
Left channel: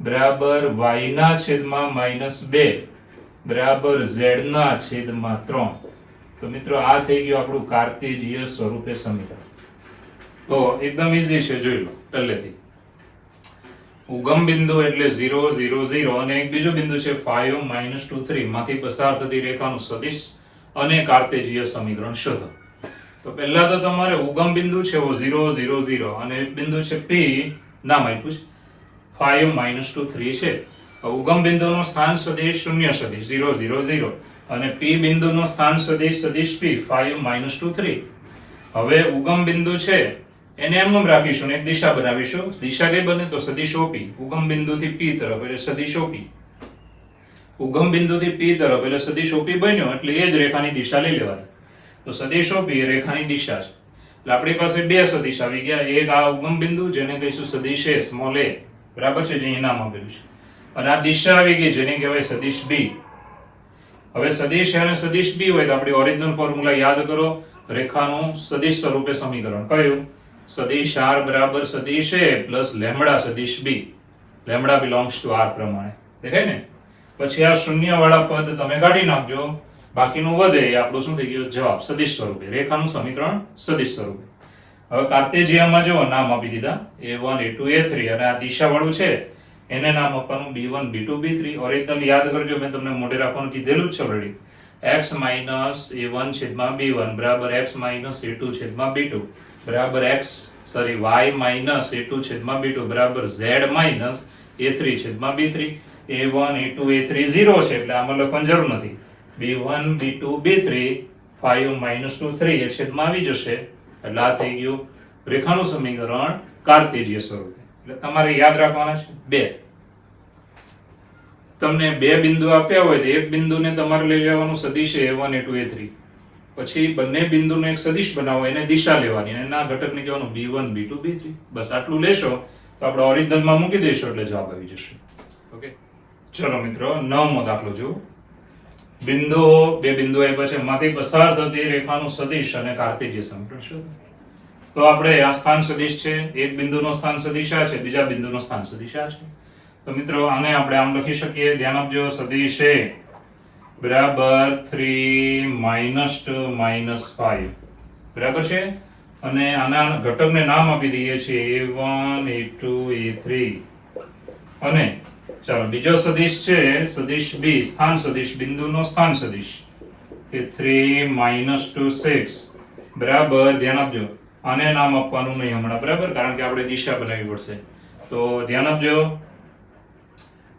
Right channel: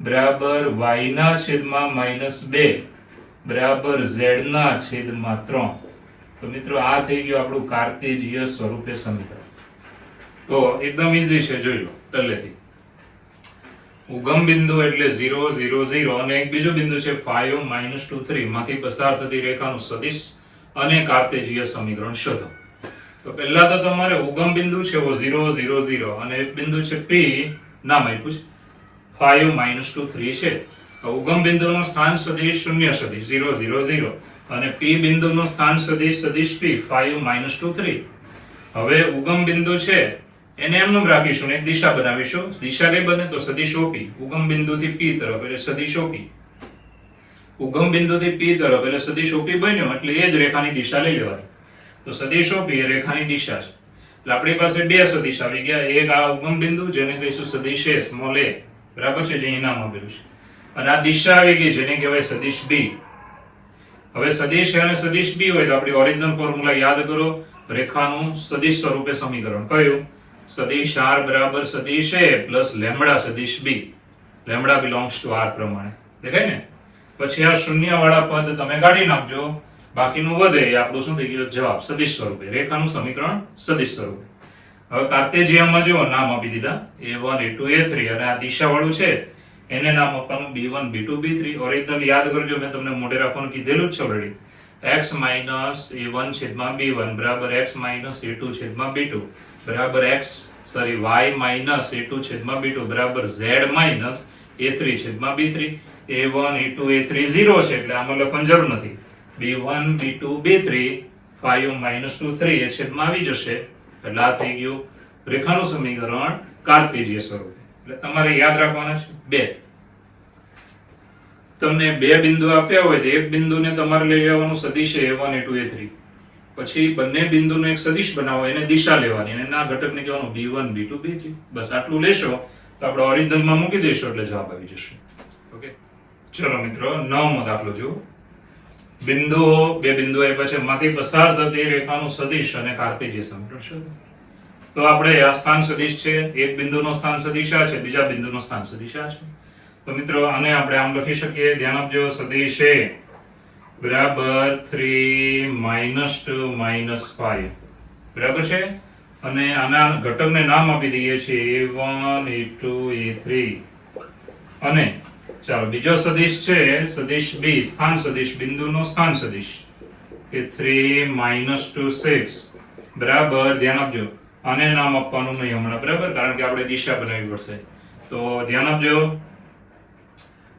બરાબર y ના છેદમાં -2 બરાબર z ના છેદમાં 3. તો મિત્રો આ થઈ ગયું આપણું કાર્ટેશિય સ્વરૂપે સમીકરણ. તો એકદમ ઈઝી છે જોઈ લો પહેલેથી. ઉગમ બિંદુ એટલે 0 0 0 અને એક બીજો બિંદુ છે 5 2 3 માંથી પસાર થતી રેખાનું સદિશ અને કાર્ટેશિય સમીકરણ શોધો. તો પહેલા તો તમારે ઉગમ બિંદુ છે वो 0 0 0 અને એક બિંદુ છે p નામ આપ્યું છે 5 2 3 છે. ઉગમ બિંદુનો સ્થાન સદિશ શૂન્ય સદિશ 0 0 0 અને p બિંદુનો સ્થાન સદિશ સદિશ p 5 2 3. હવે ઉગમ બિંદુ છે એને એમનું રાખીશું એક દિશા બનાવીશું. દિશા કઈ બને તો સદિશ OP. ઉગમ બિંદુથી p તરફ એટલે સદિશ OP. ઉગમ બિંદુથી p તરફ એટલે સદિશ OP બન્યો એટલે એ જ રેખાની દિશા લઈ લેવાની. તો સદિશ OP એ રેખાની દિશા છે. એટલે આપણી પાસે બે સદિશ આવી ગયા. એક આ ઉગમ બિંદુ જેને કહીશું સદિશ a સ્મોલ a બરાબર છે જે અહીં નામ આપેલું છે. અને આ દિશા આવી ગઈ જેને કહેવાય સદિશ b. હવે સદિશ a અને સદિશ b હોય તો આપણી ઓરિજિનલ ફોર્મ્યુલા યાદ કરો. રેખાનું સદિશ સ્વરૂપે સમીકરણ કયું સદિશ r બરાબર સદિશ a પ્લસ લેમ્બડા સદિશ b. Lambda belongs to r પ્રમાણે દેખાય ને. પછી આ શૂન્ય વાળા પદ તમે કાઢી નાખજો બાકીનું વધે એ આપણું શું થઈ ગયું જવાબ સદિશ સ્વરૂપે. રેખાનું સમીકરણ સદિશ સ્વરૂપે. હવે કાર્ટેશિયમાં જો નામ આપી દીધા a1 a2 a3 અને આ દિશા વાળું છે એને નામ આપવાનું b1 b2 b3. ઓરિજિનલ યાદ કરજો મેં તમને મોઢે રાખવાનું કીધેલું જ છે ઓલરેડી. x a1 છેદમાં b1 બરાબર x a2 છેદમાં b2 બરાબર y a2 છેદમાં b2 બરાબર z a3 છેદમાં b3. a1 a2 a3 0 છે એટલે આમાં લખવાની જરૂર નથી. b1 b2 b3 5 2 3 એ છેદમાં આવી જશે એટલે આ થઈ ગયું રેખાનું સમીકરણ કાર્ટેશિય સ્વરૂપે. એટલે તમારે યાદ રાખવાના છે બે. તમને બે બિંદુ આપ્યા હોય તો એક બિંદુને તમારે લઈ લેવાનું સદિશ a1 a2 a3. પછી બંને બિંદુનો એક સદિશ બનાવો એને દિશા લેવાની અને ના ઘટકને કહેવાનું b1 b2 b3. બસ આટલું લેશો તો આપણે ઓરિજિનલમાં મૂકી દઈશું એટલે જવાબ આવી જશે. ઓકે ચલો મિત્રો 9મો દાખલો જુઓ. બિંદુઓ બે બિંદુ આપ્યા છે માંથી પસાર થતી રેખાનું સદિશ અને કાર્ટેશિય સમીકરણ શોધો. તો આપણે આ સ્થાન સદિશ છે એક બિંદુનો સ્થાન સદિશ આ છે બીજા બિંદુનો સ્થાન સદિશ આ છે. તો મિત્રો આને આપણે આમ લખી શકીએ ધ્યાન આપજો સદિશ a બરાબર 3 -2 -5 બરાબર છે. અને આના ઘટકને નામ આપી દઈએ છીએ a1 a2 a3 અને ચાલો બીજો સદિશ છે સદિશ b સ્થાન સદિશ બિંદુનો સ્થાન સદિશ કે 3 -2 6 બરાબર. ધ્યાન આપજો આને નામ આપવાનું નહીં હમણાં બરાબર, કારણ કે આપણે દિશા બનાવવી પડશે. તો ધ્યાન આપજો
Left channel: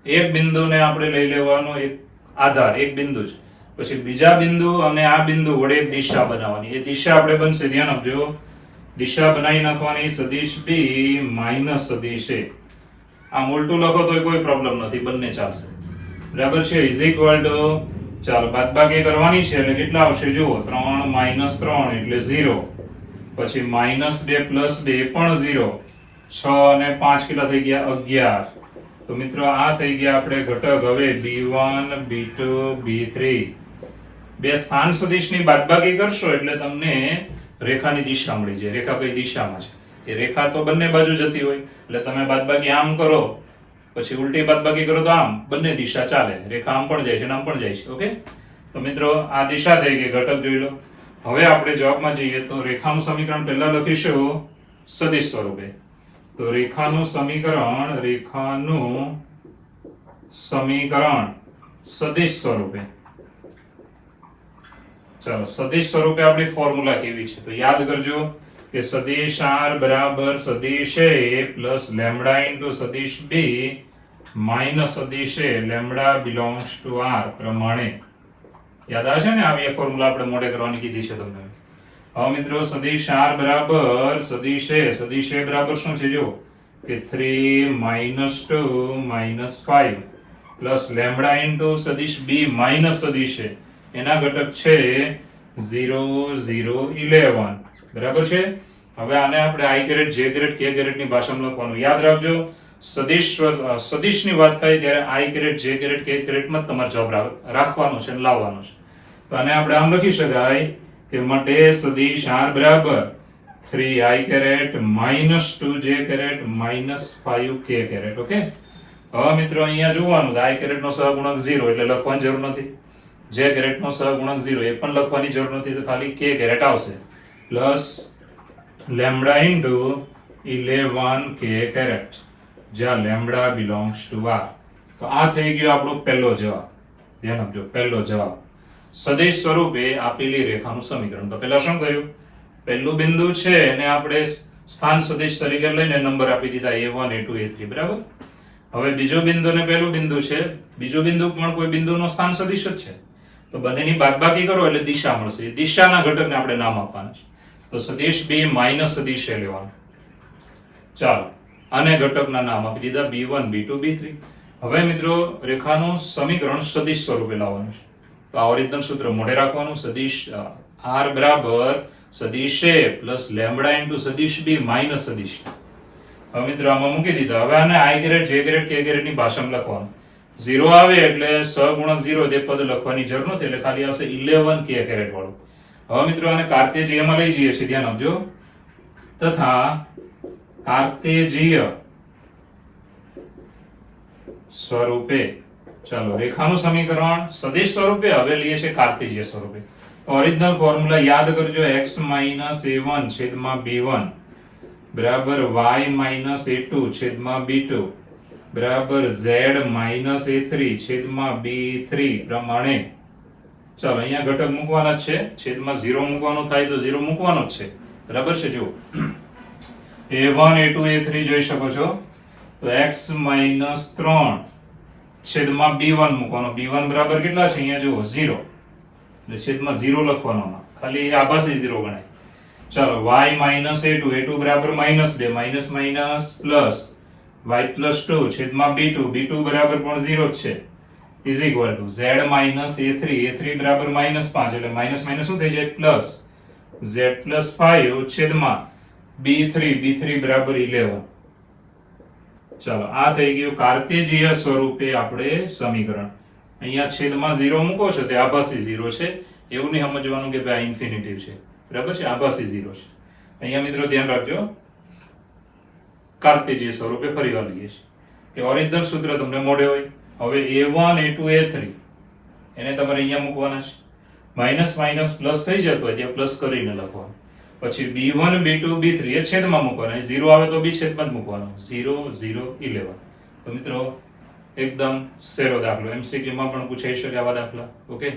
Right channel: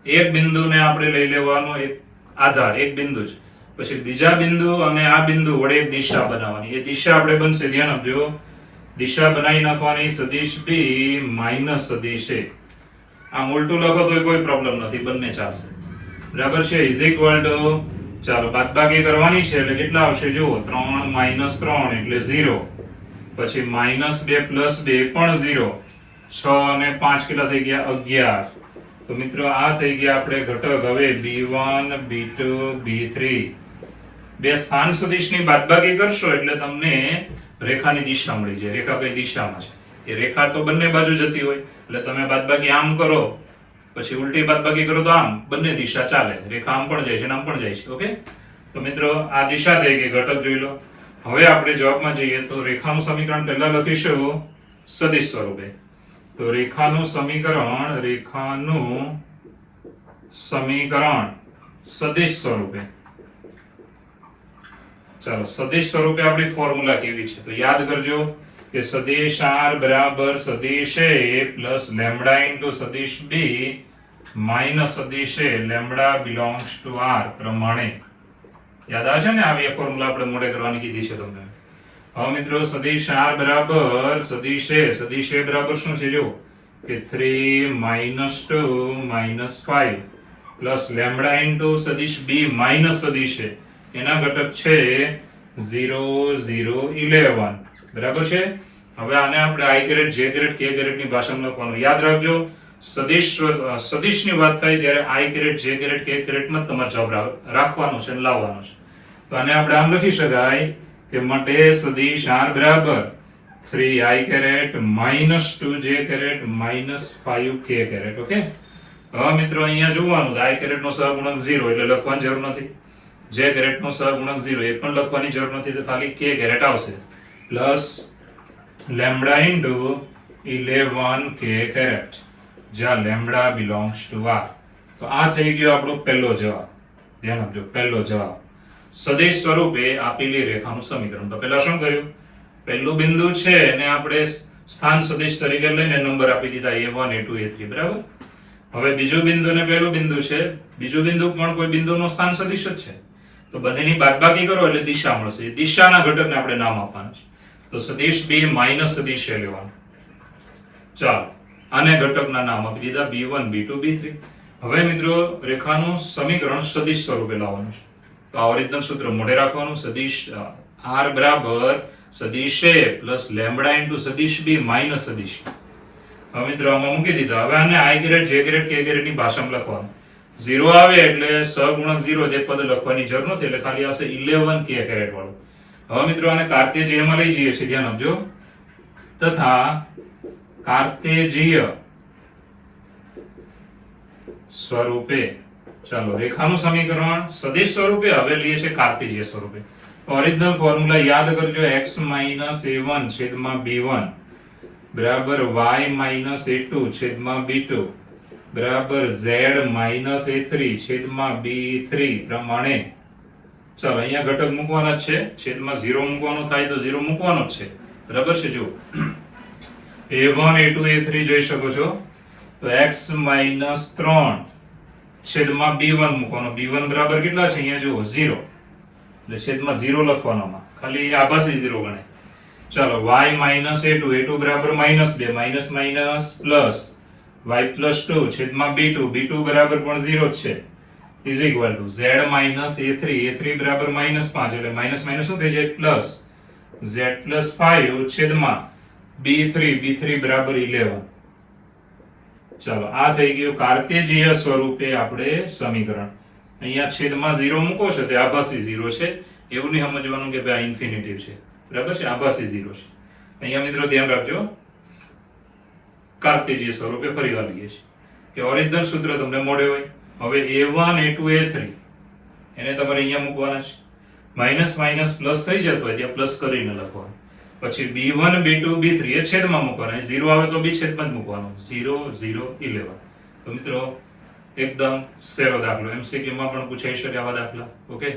એક બિંદુને આપણે લઈ લેવાનો એક આધાર એક બિંદુ જ, પછી બીજા બિંદુ અને આ બિંદુ વડે એક દિશા બનાવવાની. એ દિશા આપણે બનશે ધ્યાન આપજો દિશા બનાવી નાખવાની સદિશ b માઇનસ સદિશ a. આ ઉલટું લખો તો કોઈ પ્રોબ્લેમ નથી, બંને ચાલશે બરાબર છે. ઇઝ ઇક્વલ ટુ ચાલો બાદબાકી કરવાની છે એટલે કેટલા આવશે જુઓ 3 -3 એટલે 0, પછી -2 + 2 પણ 0, 6 અને 5 કેટલા થઈ ગયા 11. તો મિત્રો આ થઈ ગયા આપણે ઘટક. હવે b1 b2 b3 બે સ્થાન સદિશની બાદબાકી કરશો એટલે તમને રેખાની દિશા મળી જાય. રેખા કઈ દિશામાં છે એ રેખા તો બંને બાજુ જતી હોય એટલે તમે બાદબાકી આમ કરો પછી ઉલટી બાદબાકી કરો તો આમ બંને દિશા ચાલે. રેખા આમ પણ જાય છે અને આમ પણ જાય છે. ઓકે, તો મિત્રો આ દિશા થઈ ગઈ. ઘટક જોઈ લો. હવે આપણે જવાબમાં જઈએ તો રેખાનું સમીકરણ પહેલા લખીશું સદિશ સ્વરૂપે. તો રેખાનું સમીકરણ સદિશ સ્વરૂપે. ચાલો સદિશ સ્વરૂપે આપણી ફોર્મ્યુલા કેવી છે તો યાદ કરજો કે સદિશ r બરાબર સદિશ a પ્લસ લેમ્બડા ઇન્ટુ સદિશ b માઇનસ સદિશ a lambda belongs to r પ્રમાણે. યાદ આવે છે ને? આવી ફોર્મ્યુલા આપણે મોડે કરવાની કીધી છે તમને. હવે મિત્રો સદિશ r બરાબર સદિશ a બરાબર શું છે જો કે 3 -2 -5 પ્લસ લેમ્બડા ઇન્ટુ સદિશ b માઇનસ સદિશ a એના ઘટક છે 0 0 11 બરાબર છે. હવે આને આપણે i grade j grade k grade ની ભાષામાં લખવાનું. યાદ રાખજો સદિશની વાત થાય ત્યારે i grade j grade k grade માં તમારે જવાબ રાખવાનો છે અને લાવવાનો છે. તો આને આપણે આમ લખી શકાય કે માટે સદિશ r બરાબર 3i caret -2j caret -5k caret. Okay, હવે મિત્રો અહીંયા જોવાનું i કેરેટ નો સહગુણક 0 એટલે લખવાની જરૂર નથી, j કેરેટ નો સહગુણક 0 એ પણ લખવાની જરૂર નથી, તો ખાલી k કેરેટ આવશે plus lambda into 11k caret જ્યાં લેમ્બડા બિલોંગ્સ ટુ r. તો આ થઈ ગયો આપણો પહેલો જવાબ. ધ્યાન આપજો પહેલો જવાબ સદિશ સ્વરૂપે આપેલી રેખાનું સમીકરણ. તો પહેલા શું કર્યું? પહેલું બિંદુ છે એને આપણે સ્થાન સદિશ તરીકે લઈને નંબર આપી દીધા a1 a2 a3 બરાબર. હવે બીજું બિંદુ ને પહેલું બિંદુ છે, બીજું બિંદુ પણ કોઈ બિંદુનો સ્થાન સદિશ જ છે. તો બંનેની બાદબાકી કરો એટલે દિશા મળશે. દિશાના ઘટકને આપણે નામ આપવાના છે. તો સદિશ b માઇનસ સદિશ a લેવાનું. ચાલો આને ઘટકના નામ આપી દીધા b1 b2 b3. હવે મિત્રો રેખાનું સમીકરણ સદિશ સ્વરૂપે લાવવાનું છે. તો આ ઓરિજિનલ સૂત્ર મોઢે રાખવાનું. સદિશ r બરાબર સદિશ a પ્લસ લેમ્બડા ઇન્ટુ સદિશ b માઇનસ સદિશ. હવે મિત્રો આમાં મૂકી દીધા. હવે આને i grade j grade k grade ની ભાષામાં લખવાનું. 0 આવે એટલે સહગુણક 0 તે પદ લખવાની જરૂર નથી એટલે ખાલી આવશે 11k કેરેટ વાળું. હવે મિત્રો આને કાર્તેજીય માં લઈ જઈએ છીએ. ધ્યાન આપજો. તથા કાર્તેજીય સ્વરૂપે ચાલો રેખાનું સમીકરણ સદિશ સ્વરૂપે હવે લઈએ છીએ કાર્તેજીય સ્વરૂપે. ઓરિજિનલ ફોર્મ્યુલા યાદ કરજો x a1 છેદમાં b1 બરાબર y a2 છેદમાં b2 બરાબર z a3 છેદમાં b3 પ્રમાણે. ચાલો અહીંયા ઘટક મૂકવાના જ છે. છેદમાં 0 મૂકવાનો થાય તો 0 મૂકવાનો જ છે બરાબર છે. જો a1 a2 a3 જોઈ શકો છો. તો x 3 છેદમાં b1 મૂકવાનો. b1 બરાબર કેટલા છે અહીંયા જુઓ 0 એટલે છેદમાં 0 લખવાનો. ખાલી આભાસી 0 ગણાય. ચાલો y a2 બરાબર -2 માઇનસ માઇનસ પ્લસ y + 2 છેદમાં b2 બરાબર પણ 0 જ છે is equal two z a3 બરાબર -5 એટલે માઇનસ માઇનસ શું થઈ જાય પ્લસ z + 5 છેદમાં b3 બરાબર 11. ચાલો આ થઈ ગયું કાર્તેજીય સ્વરૂપે આપણે સમીકરણ. અહીંયા છેદમાં 0 મૂકો છો તે આભાસી 0 છે એવું નહીં સમજવાનું કે ભાઈ આ ઇન્ફિનિટિવ છે બરાબર છે. આભાસી 0 છે. અહીંયા મિત્રો ધ્યાન રાખજો કાર્તેજીય સ્વરૂપે ફરીવાર લઈએ છીએ કે ઓરિજિનલ સૂત્ર તમને મોડે હોય. હવે a1 a2 a3 એને તમારે અહીંયા મૂકવાના છે. માઇનસ માઇનસ પ્લસ થઈ જતું હોય ત્યાં પ્લસ કરીને લખવાનું. પછી b1 b2 b3 એ છેદમાં મૂકવાના. 0 આવે તો બી છેદમાં જ મૂકવાનો. 0 0 11. તો મિત્રો એકદમ સહેલો દાખલો, MCQ માં પણ પૂછાઈ શકે આવા દાખલા. ઓકે.